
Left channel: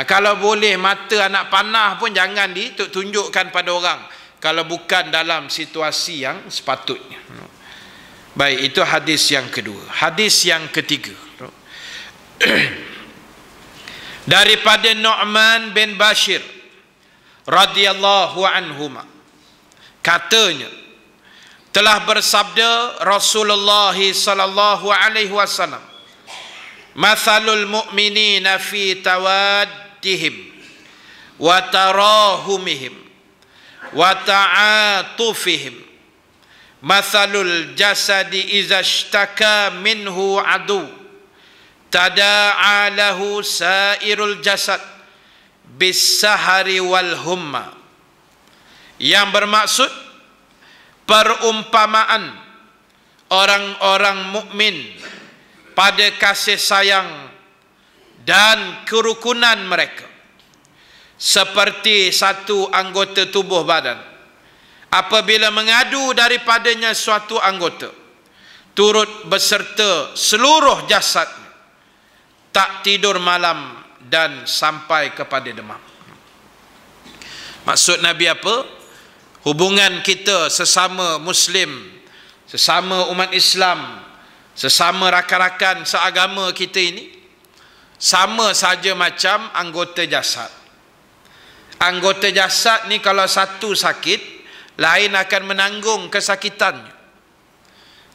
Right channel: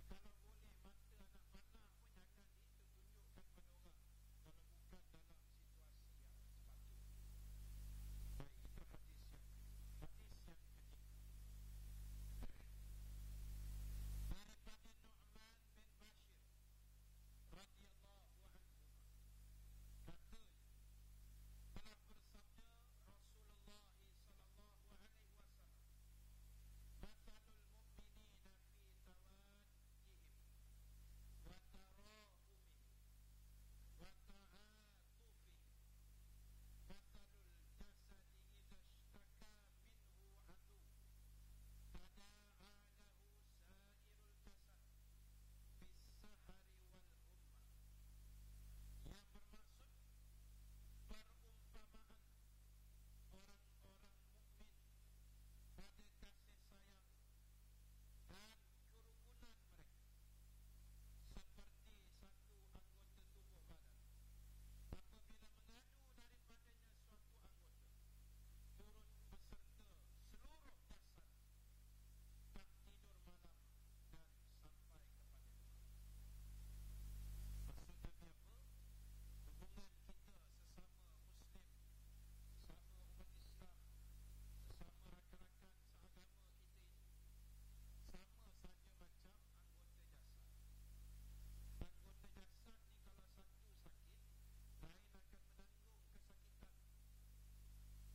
Kalau boleh mata anak panah pun jangan ditunjukkan pada orang kalau bukan dalam situasi yang sepatutnya. Baik, itu hadis yang kedua. Hadis yang ketiga, daripada Nu'man bin Bashir radhiyallahu anhuma, katanya telah bersabda Rasulullah sallallahu alaihi wasallam, mathalul mu'minina fi tawaddihim wa tarahumihim wa ta'atufihim mathalul jasadi iza ishtaka minhu adu tada'a lahu sairul jasad bis-sahari wal humma. Yang bermaksud perumpamaan orang-orang mukmin pada kasih sayang dan kerukunan mereka seperti satu anggota tubuh badan. Apabila mengadu daripadanya suatu anggota, turut beserta seluruh jasad, tak tidur malam dan sampai kepada demam. Maksud Nabi apa? Hubungan kita sesama Muslim, sesama umat Islam, sesama rakan-rakan seagama kita ini sama saja macam anggota jasad. Anggota jasad ni kalau satu sakit, lain akan menanggung kesakitannya.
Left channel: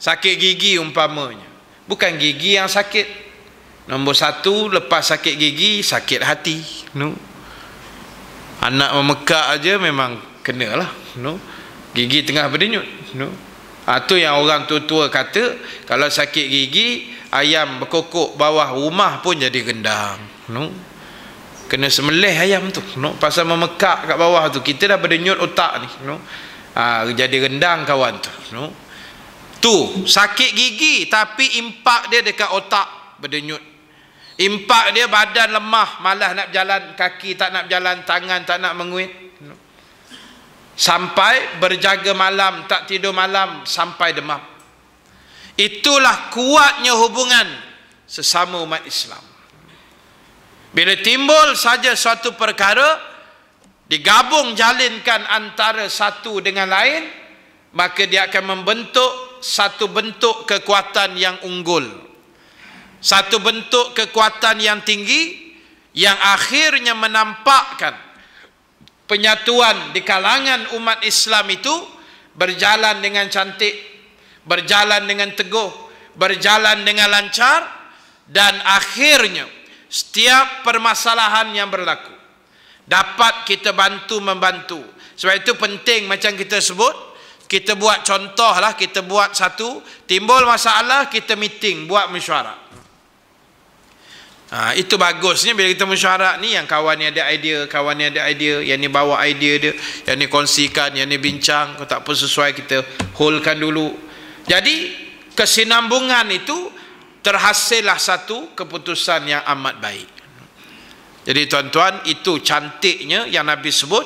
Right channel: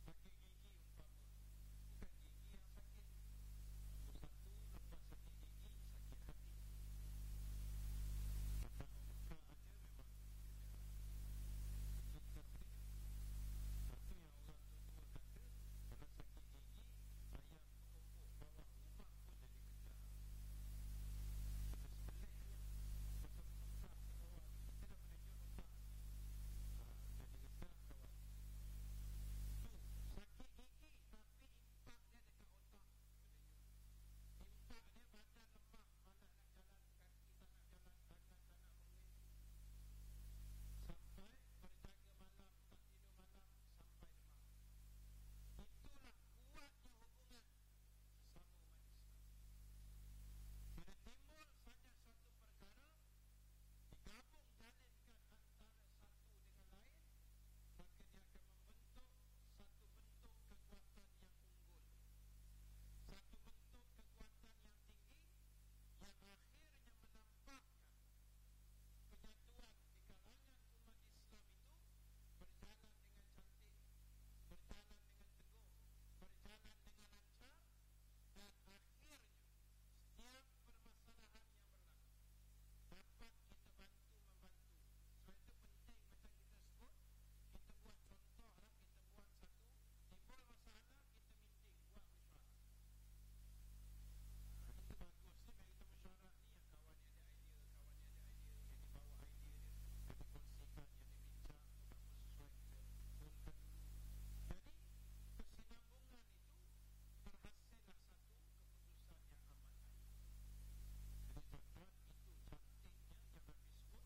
Sakit gigi umpamanya, bukan gigi yang sakit. Nombor satu, lepas sakit gigi, sakit hati. Anak memekak aja memang kenalah. Gigi tengah berdenyut. Itu yang orang tua-tua kata, kalau sakit gigi, ayam berkokok bawah rumah pun jadi gendang. Kena semelih ayam tu. Pasal memekak kat bawah tu, kita dah berdenyut otak ni. Jadi rendang kawan tu. Tu sakit gigi, tapi impak dia dekat otak berdenyut. Impak dia badan lemah, malas nak berjalan, kaki tak nak berjalan, tangan tak nak menguit. Sampai berjaga malam, tak tidur malam, sampai demam. Itulah kuatnya hubungan sesama umat Islam. Bila timbul saja suatu perkara, digabung jalinkan antara satu dengan lain, maka dia akan membentuk satu bentuk kekuatan yang unggul. satu bentuk kekuatan yang tinggi yang akhirnya menampakkan penyatuan di kalangan umat Islam itu berjalan dengan cantik, berjalan dengan teguh, berjalan dengan lancar, dan akhirnya setiap permasalahan yang berlaku dapat kita bantu membantu. Sebab itu penting macam kita sebut, kita buat contoh lah, kita buat satu, timbul masalah, kita meeting, buat mesyuarat. Itu bagusnya bila kita mesyuarat ni, yang kawan ni ada idea, kawan ni ada idea, yang ni bawa idea dia, yang ni kongsikan, yang ni bincang, kalau tak apa sesuai kita holdkan dulu. Jadi kesinambungan itu terhasillah satu keputusan yang amat baik. Jadi tuan-tuan, itu cantiknya yang Nabi sebut,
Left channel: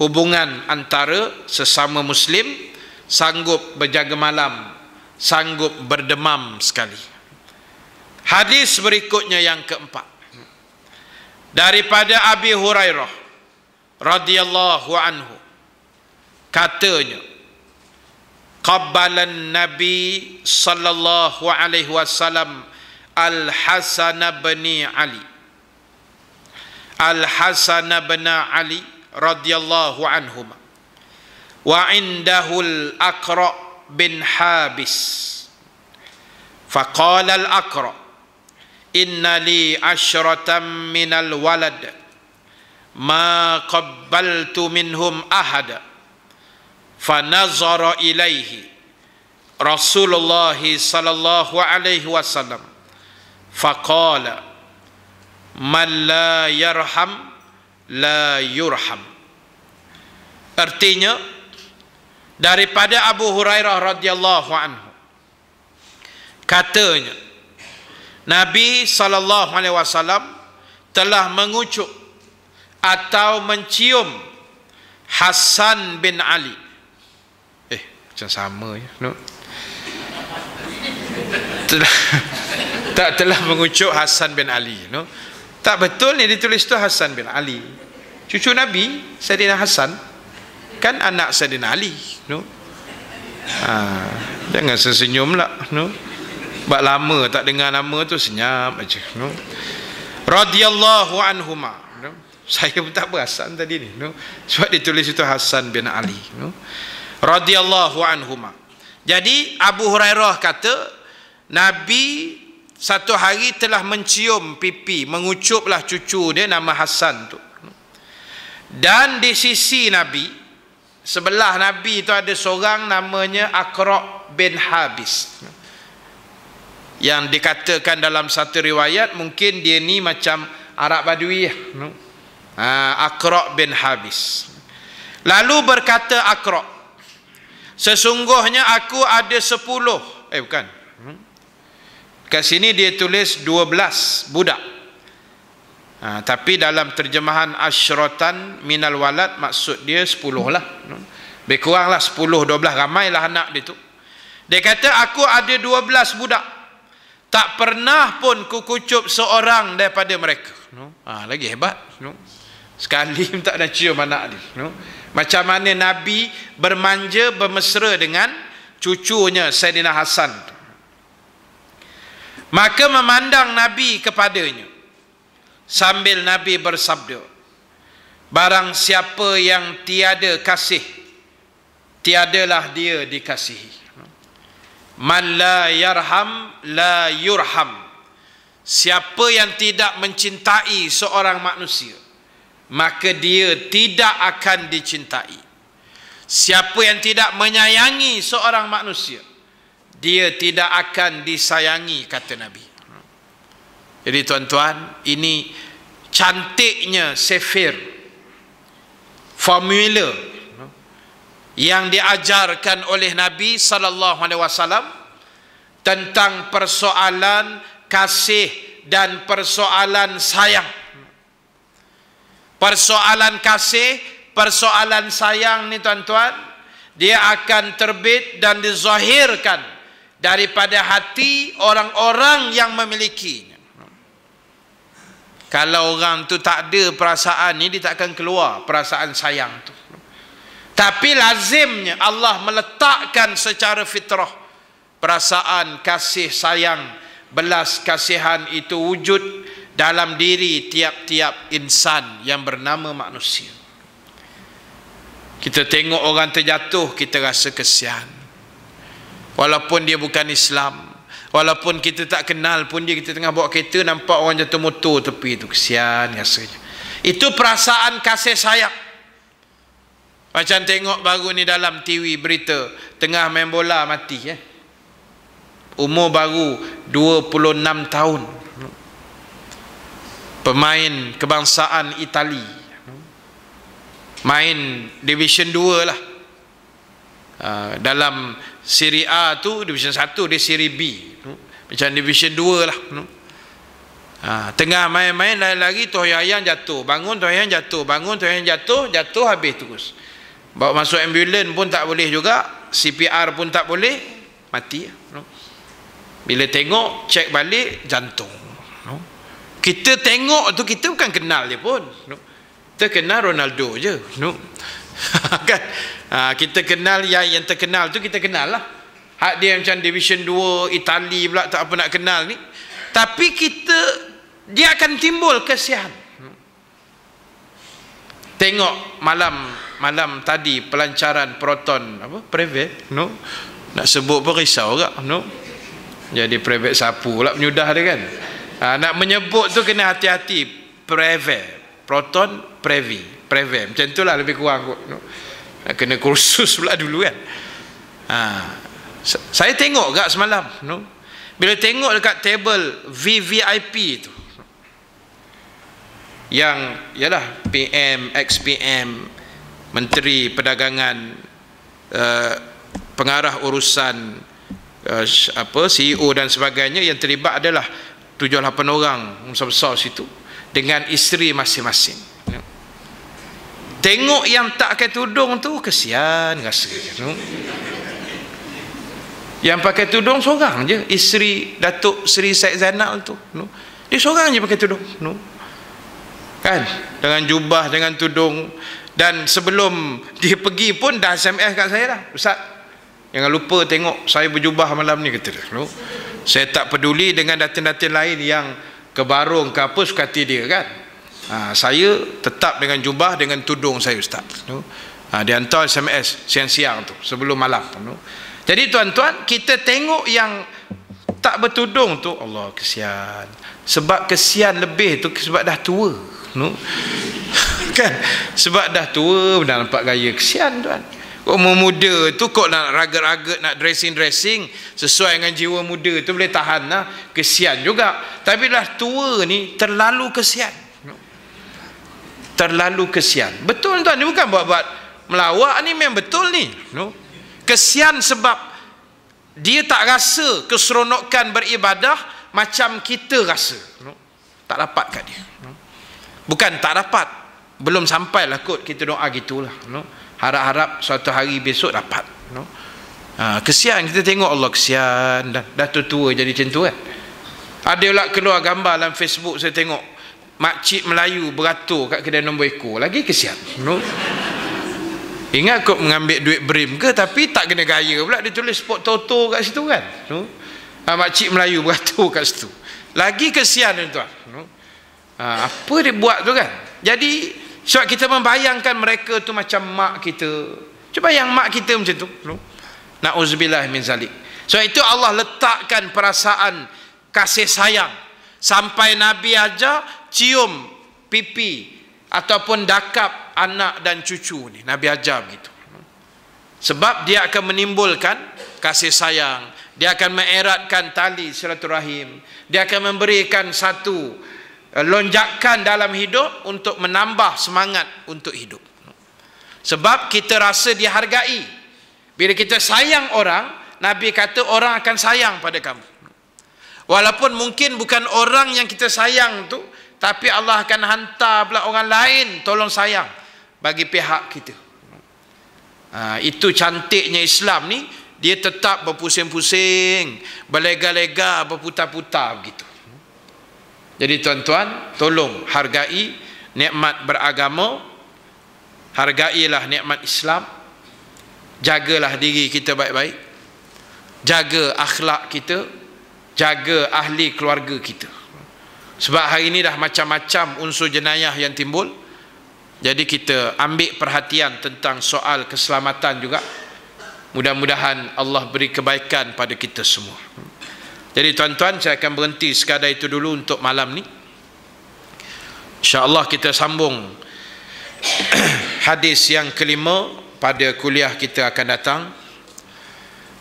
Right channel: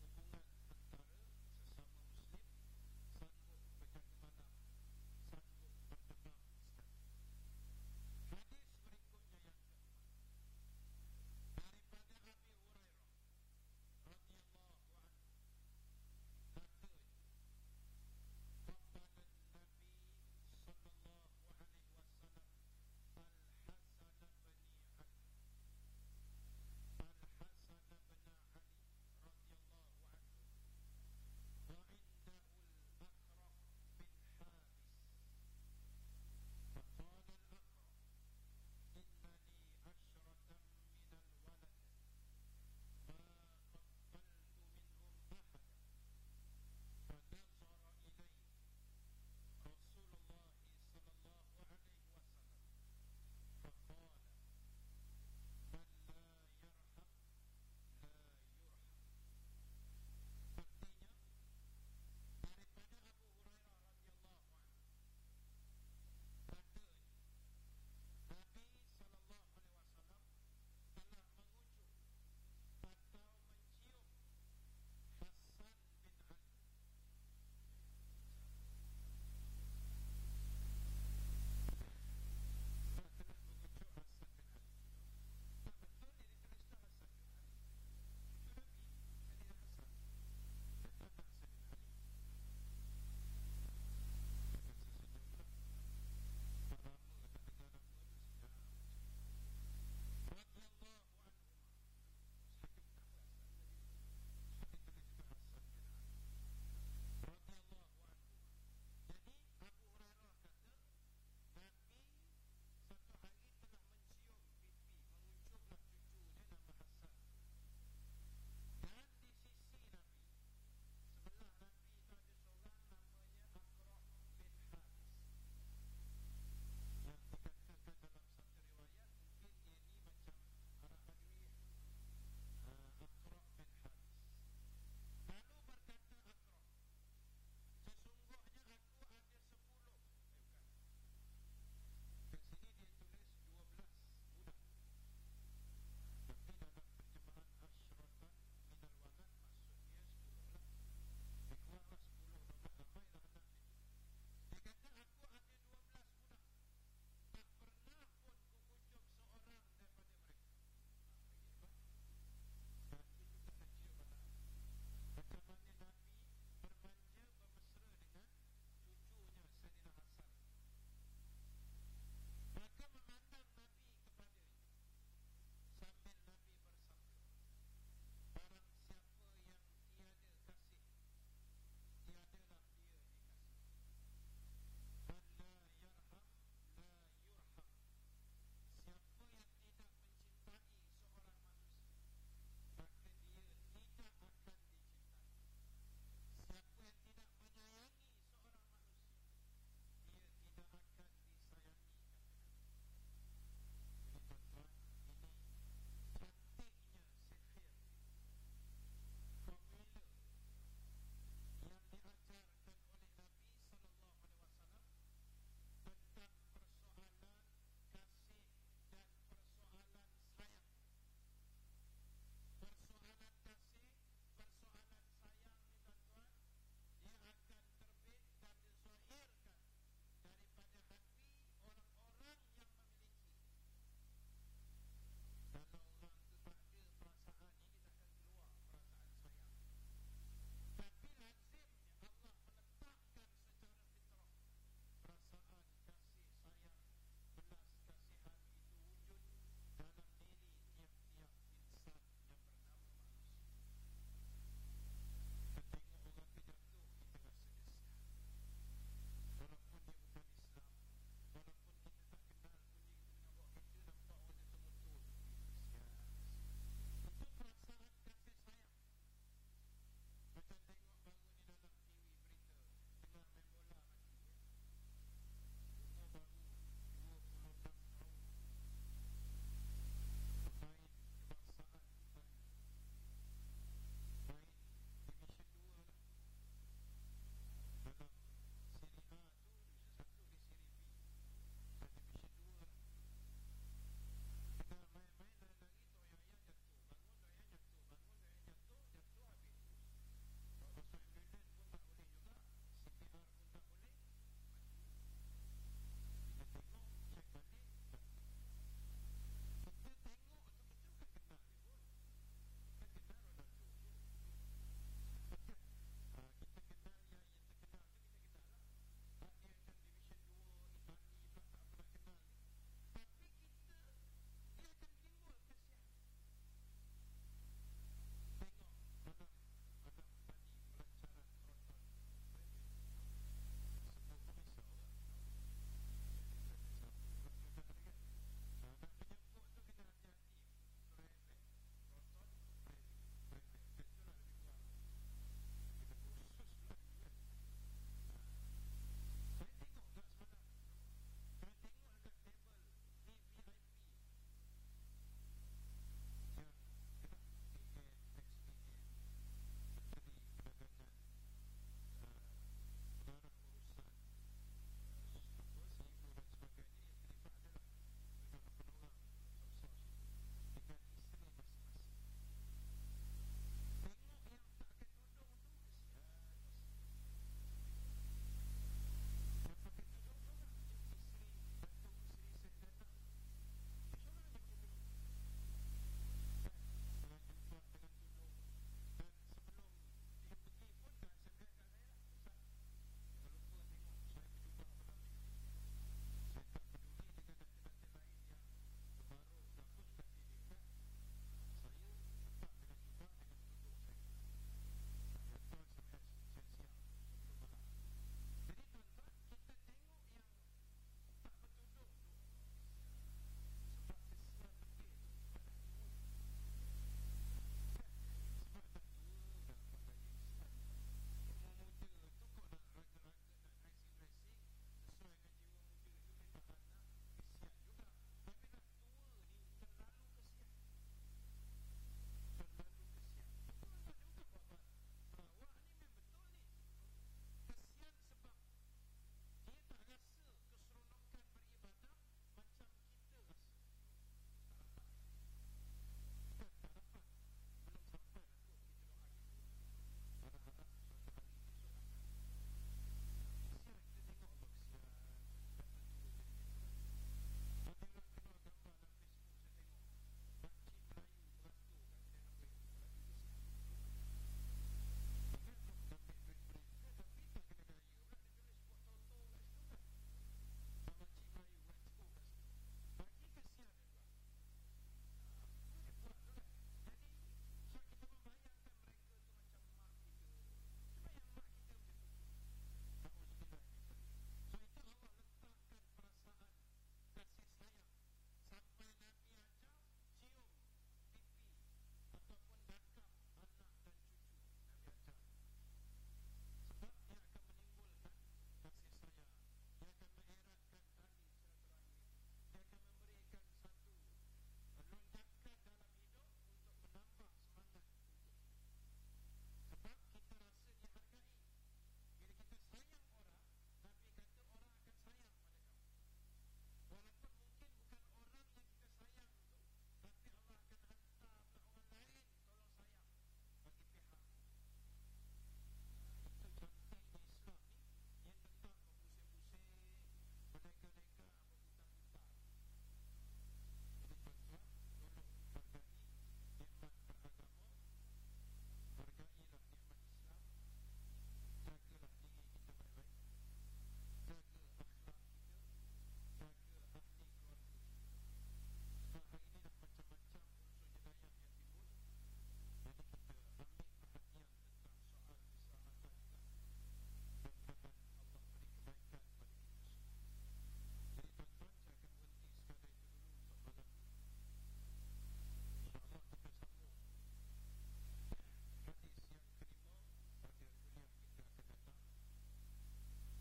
hubungan antara sesama Muslim, sanggup berjaga malam, sanggup berdemam sekali. Hadis berikutnya yang keempat, daripada Abi Hurairah radhiyallahu anhu, katanya, qabbalan Nabi sallallahu alaihi wasallam Al-Hasan bin Ali, Al-Hasan bin Ali radhiyallahu anhuma, wa indahu Al-Aqra bin Habis, faqala Al-Aqra, inna li asyratan minal walad ma qabbaltu minhum ahada, fanazara ilaihi Rasulullah sallallahu alaihi wasallam faqala man la yarham la yurham. Artinya, daripada Abu Hurairah radhiyallahu anhu, katanya Nabi SAW telah mengucuk atau mencium Hasan bin Ali. Macam sama ya, no? telah mengucuk Hasan bin Ali, no? Tak betul ni ditulis tu Hasan bin Ali, cucu Nabi Saidina Hasan, kan anak Saidina Ali, no? Jangan sesenyum lah, no? Sebab lama tak dengar nama tu, senyap aja, no? Radhiyallahu anhuma, no? Saya pun tak perasan tadi ni, no? Sebab ditulis itu Hasan bin Ali, no? Radhiyallahu anhuma. Jadi Abu Hurairah kata, Nabi satu hari telah mencium pipi, mengucuplah cucu dia nama Hasan tu. Dan di sisi Nabi, sebelah Nabi itu ada seorang namanya Aqra bin Habis, yang dikatakan dalam satu riwayat mungkin dia ni macam Arab Badui, no? Aqra bin Habis. Lalu berkata Aqra, sesungguhnya aku ada 10, bukan, kat sini dia tulis 12 budak, tapi dalam terjemahan asyratan minal walad maksud dia 10 lah, no? Lebih kurang lah 10, 12, ramai lah anak dia tu. Dia kata aku ada 12 budak, tak pernah pun kukucup seorang daripada mereka, no? Lagi hebat, no? Sekali tak ada cium anak dia, no? Macam mana Nabi bermanja bermesra dengan cucunya Saidina Hasan. Maka memandang Nabi kepadanya sambil Nabi bersabda, barang siapa yang tiada kasih, tiadalah dia dikasihi. Man la yarham la yurham. Siapa yang tidak mencintai seorang manusia, maka dia tidak akan dicintai. Siapa yang tidak menyayangi seorang manusia, dia tidak akan disayangi, kata Nabi. Jadi tuan-tuan, ini cantiknya sefir, formula yang diajarkan oleh Nabi SAW tentang persoalan kasih dan persoalan sayang. Persoalan kasih, persoalan sayang ni tuan-tuan, dia akan terbit dan dizahirkan daripada hati orang-orang yang memilikinya. Kalau orang tu tak ada perasaan ni, dia tak akan keluar perasaan sayang tu. Tapi lazimnya Allah meletakkan secara fitrah perasaan kasih sayang belas kasihan itu wujud dalam diri tiap-tiap insan yang bernama manusia. Kita tengok orang terjatuh, kita rasa kesian. Walaupun dia bukan Islam, walaupun kita tak kenal pun dia, kita tengah bawa kereta nampak orang jatuh motor tepi tu, kesian rasanya. Itu perasaan kasih sayang. Macam tengok baru ni dalam TV berita, tengah main bola mati umur baru 26 tahun. Pemain kebangsaan Itali, main Division 2 lah. Dalam Seri A tu Division 1, dia Seri B, macam Division 2 lah. Tengah main-main lari-lari, toh-yang jatuh, bangun, toh-yang jatuh, bangun, toh-yang jatuh, jatuh habis terus. Bawa masuk ambulans pun tak boleh juga, CPR pun tak boleh, mati. Bila tengok, cek balik, jantung. Kita tengok tu, kita bukan kenal dia pun. Kita kenal Ronaldo je. Kan? Kita kenal yang terkenal tu, kita kenal lah. Hak dia macam Division 2 Itali pula, tak apa nak kenal ni. Tapi dia akan timbul kesian. Tengok malam tadi pelancaran Proton private, nak sebut pun risau juga, jadi private sapu pula penyudah dia kan. Nak menyebut tu kena hati-hati. Proton private macam tu lah lebih kurang kot. Nak kena kursus pula dulu kan. Saya tengok gak semalam, bila tengok dekat table VVIP tu, yang ialah PM, ex-PM, Menteri Perdagangan, pengarah urusan CEO dan sebagainya, yang terlibat adalah 7-8 orang besar-besar situ dengan isteri masing-masing. Tengok yang tak pakai tudung tu, kesian rasanya. Yang pakai tudung seorang je, isteri Datuk Seri Syed Zainal tu, dia seorang je pakai tudung, kan, dengan jubah, dengan tudung. Dan sebelum dia pergi pun dah SMS kat saya dah, Ustaz, jangan lupa tengok saya berjubah malam ni, kata dia. Saya tak peduli dengan datin-datin lain yang kebarung ke apa, suka hati dia kan. Saya tetap dengan jubah, dengan tudung saya, Ustaz. Dia hantar SMS siang-siang tu sebelum malam. Jadi tuan-tuan, kita tengok yang tak bertudung tu, Allah kesian. Sebab kesian lebih tu sebab dah tua, kan, sebab dah tua dah nampak gaya, kesian tuan. Umur muda tu kok nak ragat-ragat, nak dressing sesuai dengan jiwa muda tu boleh tahan lah, kesian juga. Tapi dah tua ni terlalu kesian, terlalu kesian. Betul tuan, ni bukan buat-buat melawak, ni memang betul ni. Kesian sebab dia tak rasa keseronokan beribadah macam kita rasa. Tak dapat kat dia. Bukan tak dapat, belum sampailah kot kita doa gitulah. Harap-harap suatu hari besok dapat. Kesian, kita tengok Allah kesian, dah tua jadi macam tu kan. Ada pula keluar gambar dalam Facebook, saya tengok makcik Melayu beratur kat kedai nombor ekor, lagi kesian. Ingat kok mengambil duit brim ke, tapi tak kena gaya pula, dia tulis spot toto kat situ kan. Makcik Melayu beratur kat situ, lagi kesian tuan. Apa dia buat tu kan. Jadi sebab kita membayangkan mereka tu macam mak kita. Cuba yang mak kita macam tu. Na'udzubillah min zalik. So itu Allah letakkan perasaan kasih sayang. Sampai Nabi aja cium pipi ataupun dakap anak dan cucu ni. Nabi ajar begitu. Sebab dia akan menimbulkan kasih sayang. Dia akan mengeratkan tali silaturahim. Dia akan memberikan satu lonjakan dalam hidup untuk menambah semangat untuk hidup. Sebab kita rasa dihargai. Bila kita sayang orang, Nabi kata orang akan sayang pada kamu. Walaupun mungkin bukan orang yang kita sayang tu, tapi Allah akan hantar pula orang lain tolong sayang bagi pihak kita. Itu cantiknya Islam ni, dia tetap berpusing-pusing, berlega-lega, berputar-putar begitu. Jadi tuan-tuan, tolong hargai nikmat beragama, hargailah nikmat Islam, jagalah diri kita baik-baik, jaga akhlak kita, jaga ahli keluarga kita. Sebab hari ini dah macam-macam unsur jenayah yang timbul. Jadi kita ambil perhatian tentang soal keselamatan juga. Mudah-mudahan Allah beri kebaikan pada kita semua. Jadi tuan-tuan, saya akan berhenti sekadar itu dulu untuk malam ni. InsyaAllah kita sambung hadis yang kelima pada kuliah kita akan datang,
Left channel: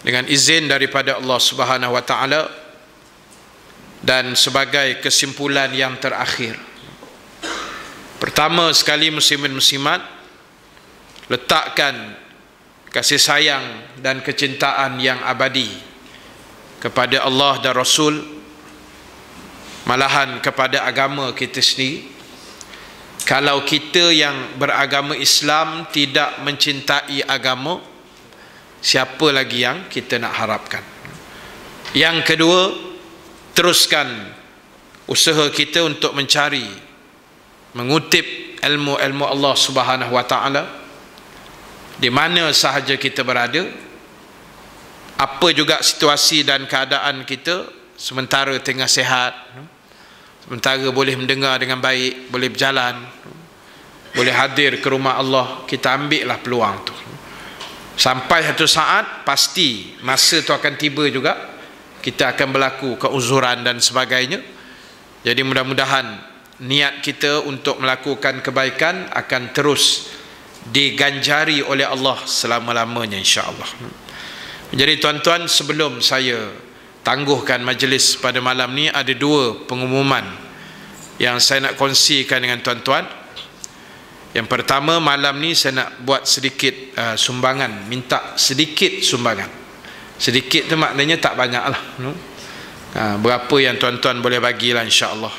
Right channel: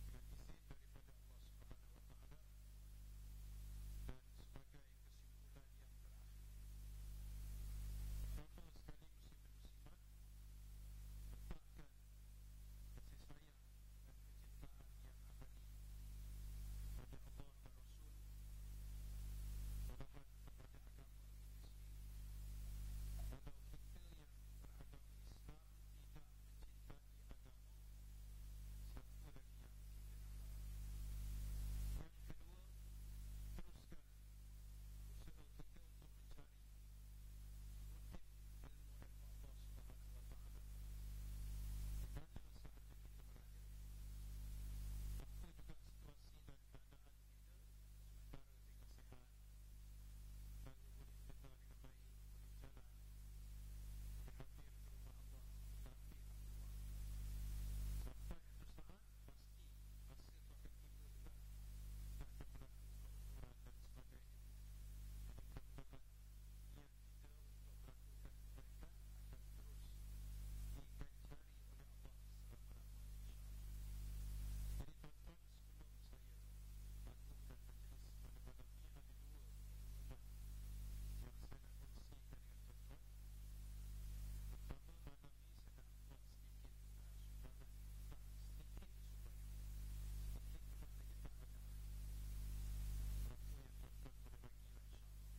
dengan izin daripada Allah Subhanahu wa taala. Dan sebagai kesimpulan yang terakhir, pertama sekali muslimin muslimat, letakkan kasih sayang dan kecintaan yang abadi kepada Allah dan Rasul, malahan kepada agama kita sendiri. Kalau kita yang beragama Islam tidak mencintai agama, siapa lagi yang kita nak harapkan? Yang kedua, teruskan usaha kita untuk mencari, mengutip ilmu-ilmu Allah Subhanahu wa taala di mana sahaja kita berada, apa juga situasi dan keadaan kita, sementara tengah sihat, sementara boleh mendengar dengan baik, boleh berjalan, boleh hadir ke rumah Allah, kita ambillah peluang tu. Sampai satu saat pasti masa tu akan tiba juga, kita akan berlaku keuzuran dan sebagainya. Jadi mudah-mudahan niat kita untuk melakukan kebaikan akan terus diganjari oleh Allah selama-lamanya, insya-Allah. Jadi tuan-tuan, sebelum saya tangguhkan majlis pada malam ni, ada dua pengumuman yang saya nak kongsikan dengan tuan-tuan. Yang pertama, malam ni saya nak buat sedikit sumbangan, minta sedikit sumbangan. Sedikit tu maknanya tak banyak lah, berapa yang tuan-tuan boleh bagilah, insya-Allah.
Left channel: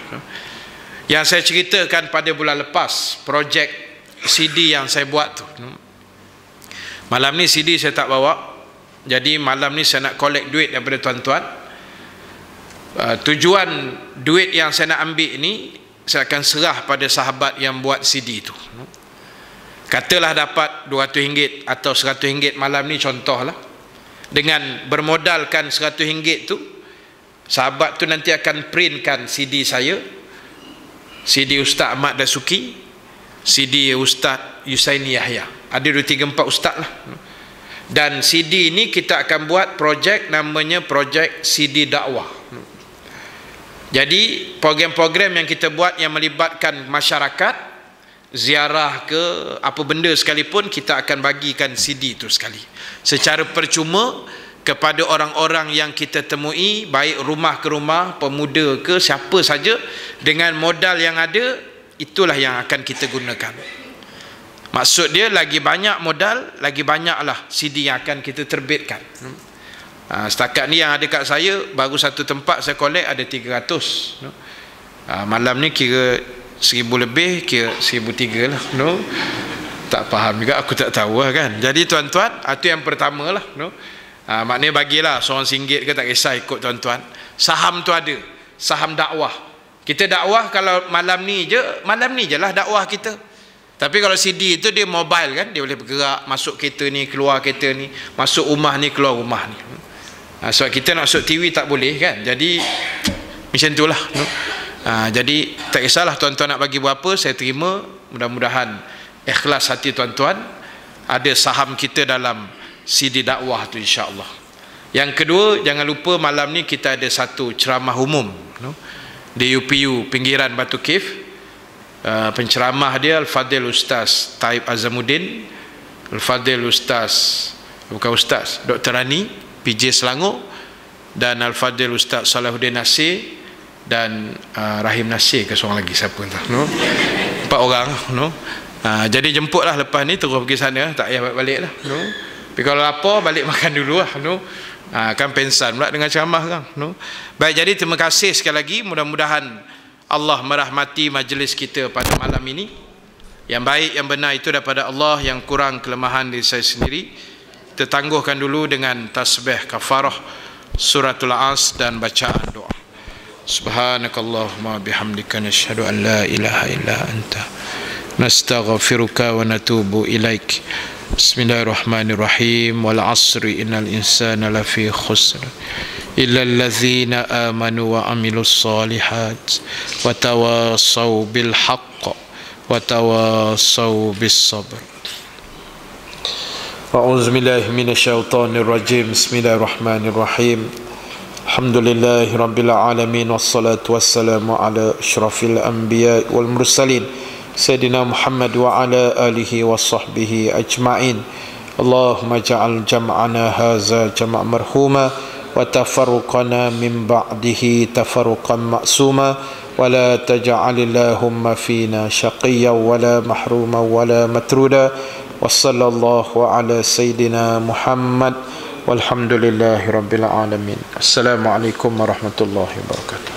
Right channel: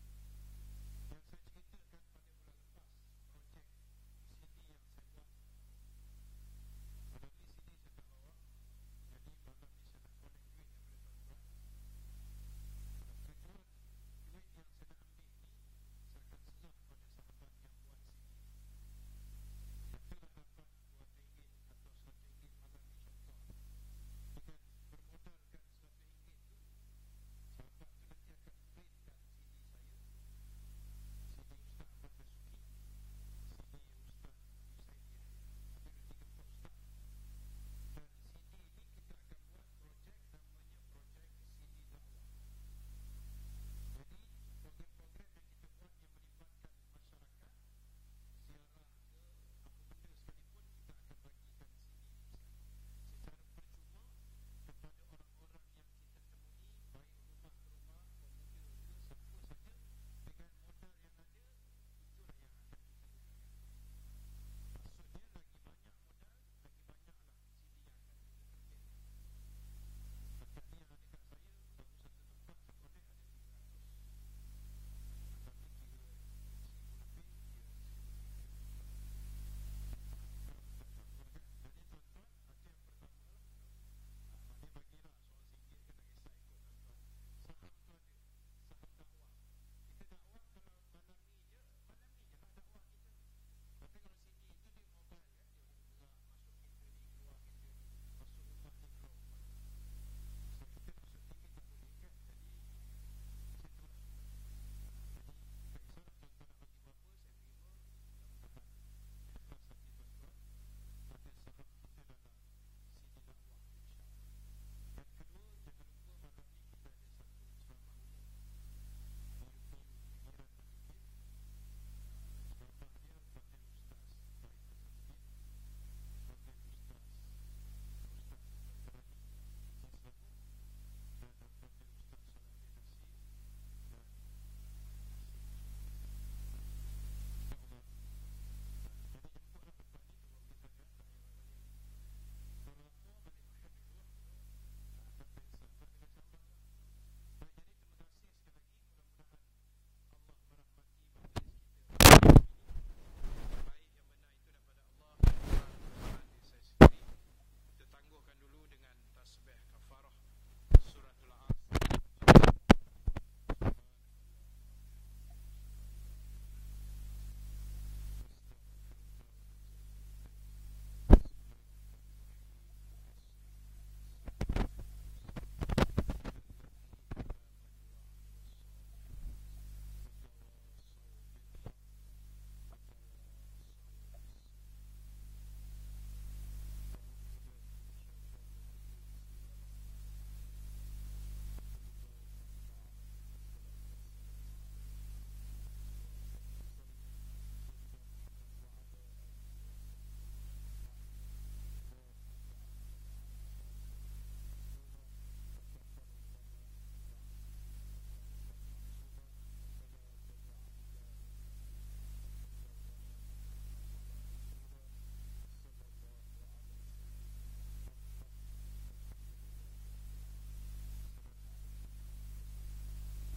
Yang saya ceritakan pada bulan lepas, projek CD yang saya buat tu, malam ni CD saya tak bawa. Jadi malam ni saya nak collect duit daripada tuan-tuan. Tujuan duit yang saya nak ambil ni, saya akan serah pada sahabat yang buat CD tu. Katalah dapat RM200 atau RM100 malam ni, contohlah. Dengan bermodalkan RM100 tu, sahabat tu nanti akan printkan CD saya, CD Ustaz Ahmad Dasuki, CD Ustaz Yusaini Yahya. Ada 2, 3, 4 ustaz lah. Dan CD ini kita akan buat projek, namanya projek CD dakwah. Jadi program-program yang kita buat yang melibatkan masyarakat, ziarah ke apa benda sekalipun, kita akan bagikan CD itu sekali secara percuma kepada orang-orang yang kita temui, baik rumah ke rumah, pemuda ke siapa saja, dengan modal yang ada, itulah yang akan kita gunakan. Maksud dia, lagi banyak modal, lagi banyaklah CD yang akan kita terbitkan. Setakat ni yang ada kat saya, baru satu tempat saya collect ada 300. Malam ni kira 1000 lebih, kira 1003 lah. Tak faham juga, aku tak tahu lah kan. Jadi tuan-tuan, itu yang pertama lah. Maknanya bagilah seorang RM1 ke, tak kisah ikut tuan-tuan. Saham tu ada, saham dakwah. Kita dakwah kalau malam ni je lah dakwah kita. Tapi kalau CD itu dia mobile kan, dia boleh bergerak, masuk kereta ni, keluar kereta ni, masuk rumah ni, keluar rumah ni. Sebab kita nak masuk TV tak boleh kan. Jadi macam itulah. Jadi tak kisahlah tuan-tuan nak bagi berapa, saya terima. Mudah-mudahan ikhlas hati tuan-tuan. Ada saham kita dalam CD dakwah tu, insya-Allah. Yang kedua, jangan lupa malam ni kita ada satu ceramah umum di UPU pinggiran Batu Cave. Penceramah dia Al-Fadil Ustaz Taib Azamuddin, Al-Fadil Ustaz, bukan Ustaz, Dr. Rani PJ Selangor, dan Al-Fadil Ustaz Salahuddin Nasir dan Rahim Nasir ke seorang lagi, siapa entah. 4 orang. Jadi jemputlah lepas ni, terus pergi sana, tak payah balik lah. Tapi kalau lapar, balik makan dulu lah. Kan pensan pula dengan ceramah kan. Baik, jadi terima kasih sekali lagi. Mudah-mudahan Allah merahmati majlis kita pada malam ini. Yang baik, yang benar itu daripada Allah, yang kurang kelemahan diri saya sendiri. Kita tangguhkan dulu dengan tasbih kafarah suratul As dan bacaan doa. Subhanakallahumma bihamdika nashhadu an la ilaha illa anta nastaghfiruka wa natubu ilaik. Bismillahirrahmanirrahim. Wal asri innal insana lafi khusr إلا الذين آمنوا وعملوا الصالحات وتواصوا بالحق وتواصوا بالصبر. أعوذ بالله من الشيطان الرجيم. بسم الله الرحمن الرحيم. الحمد لله رب العالمين والصلاة والسلام على أشرف الأنبياء والمرسلين سيدنا محمد وعلى آله وصحبه أجمعين. اللهم اجعل جمعنا هذا جمع مرحوما وتفرقنا من بعده تفرقا معصوما ولا تجعل اللهم فينا شقيا ولا محروما ولا مترودا وصلى الله على سيدنا محمد والحمد لله رب العالمين. السلام عليكم ورحمة الله وبركاته.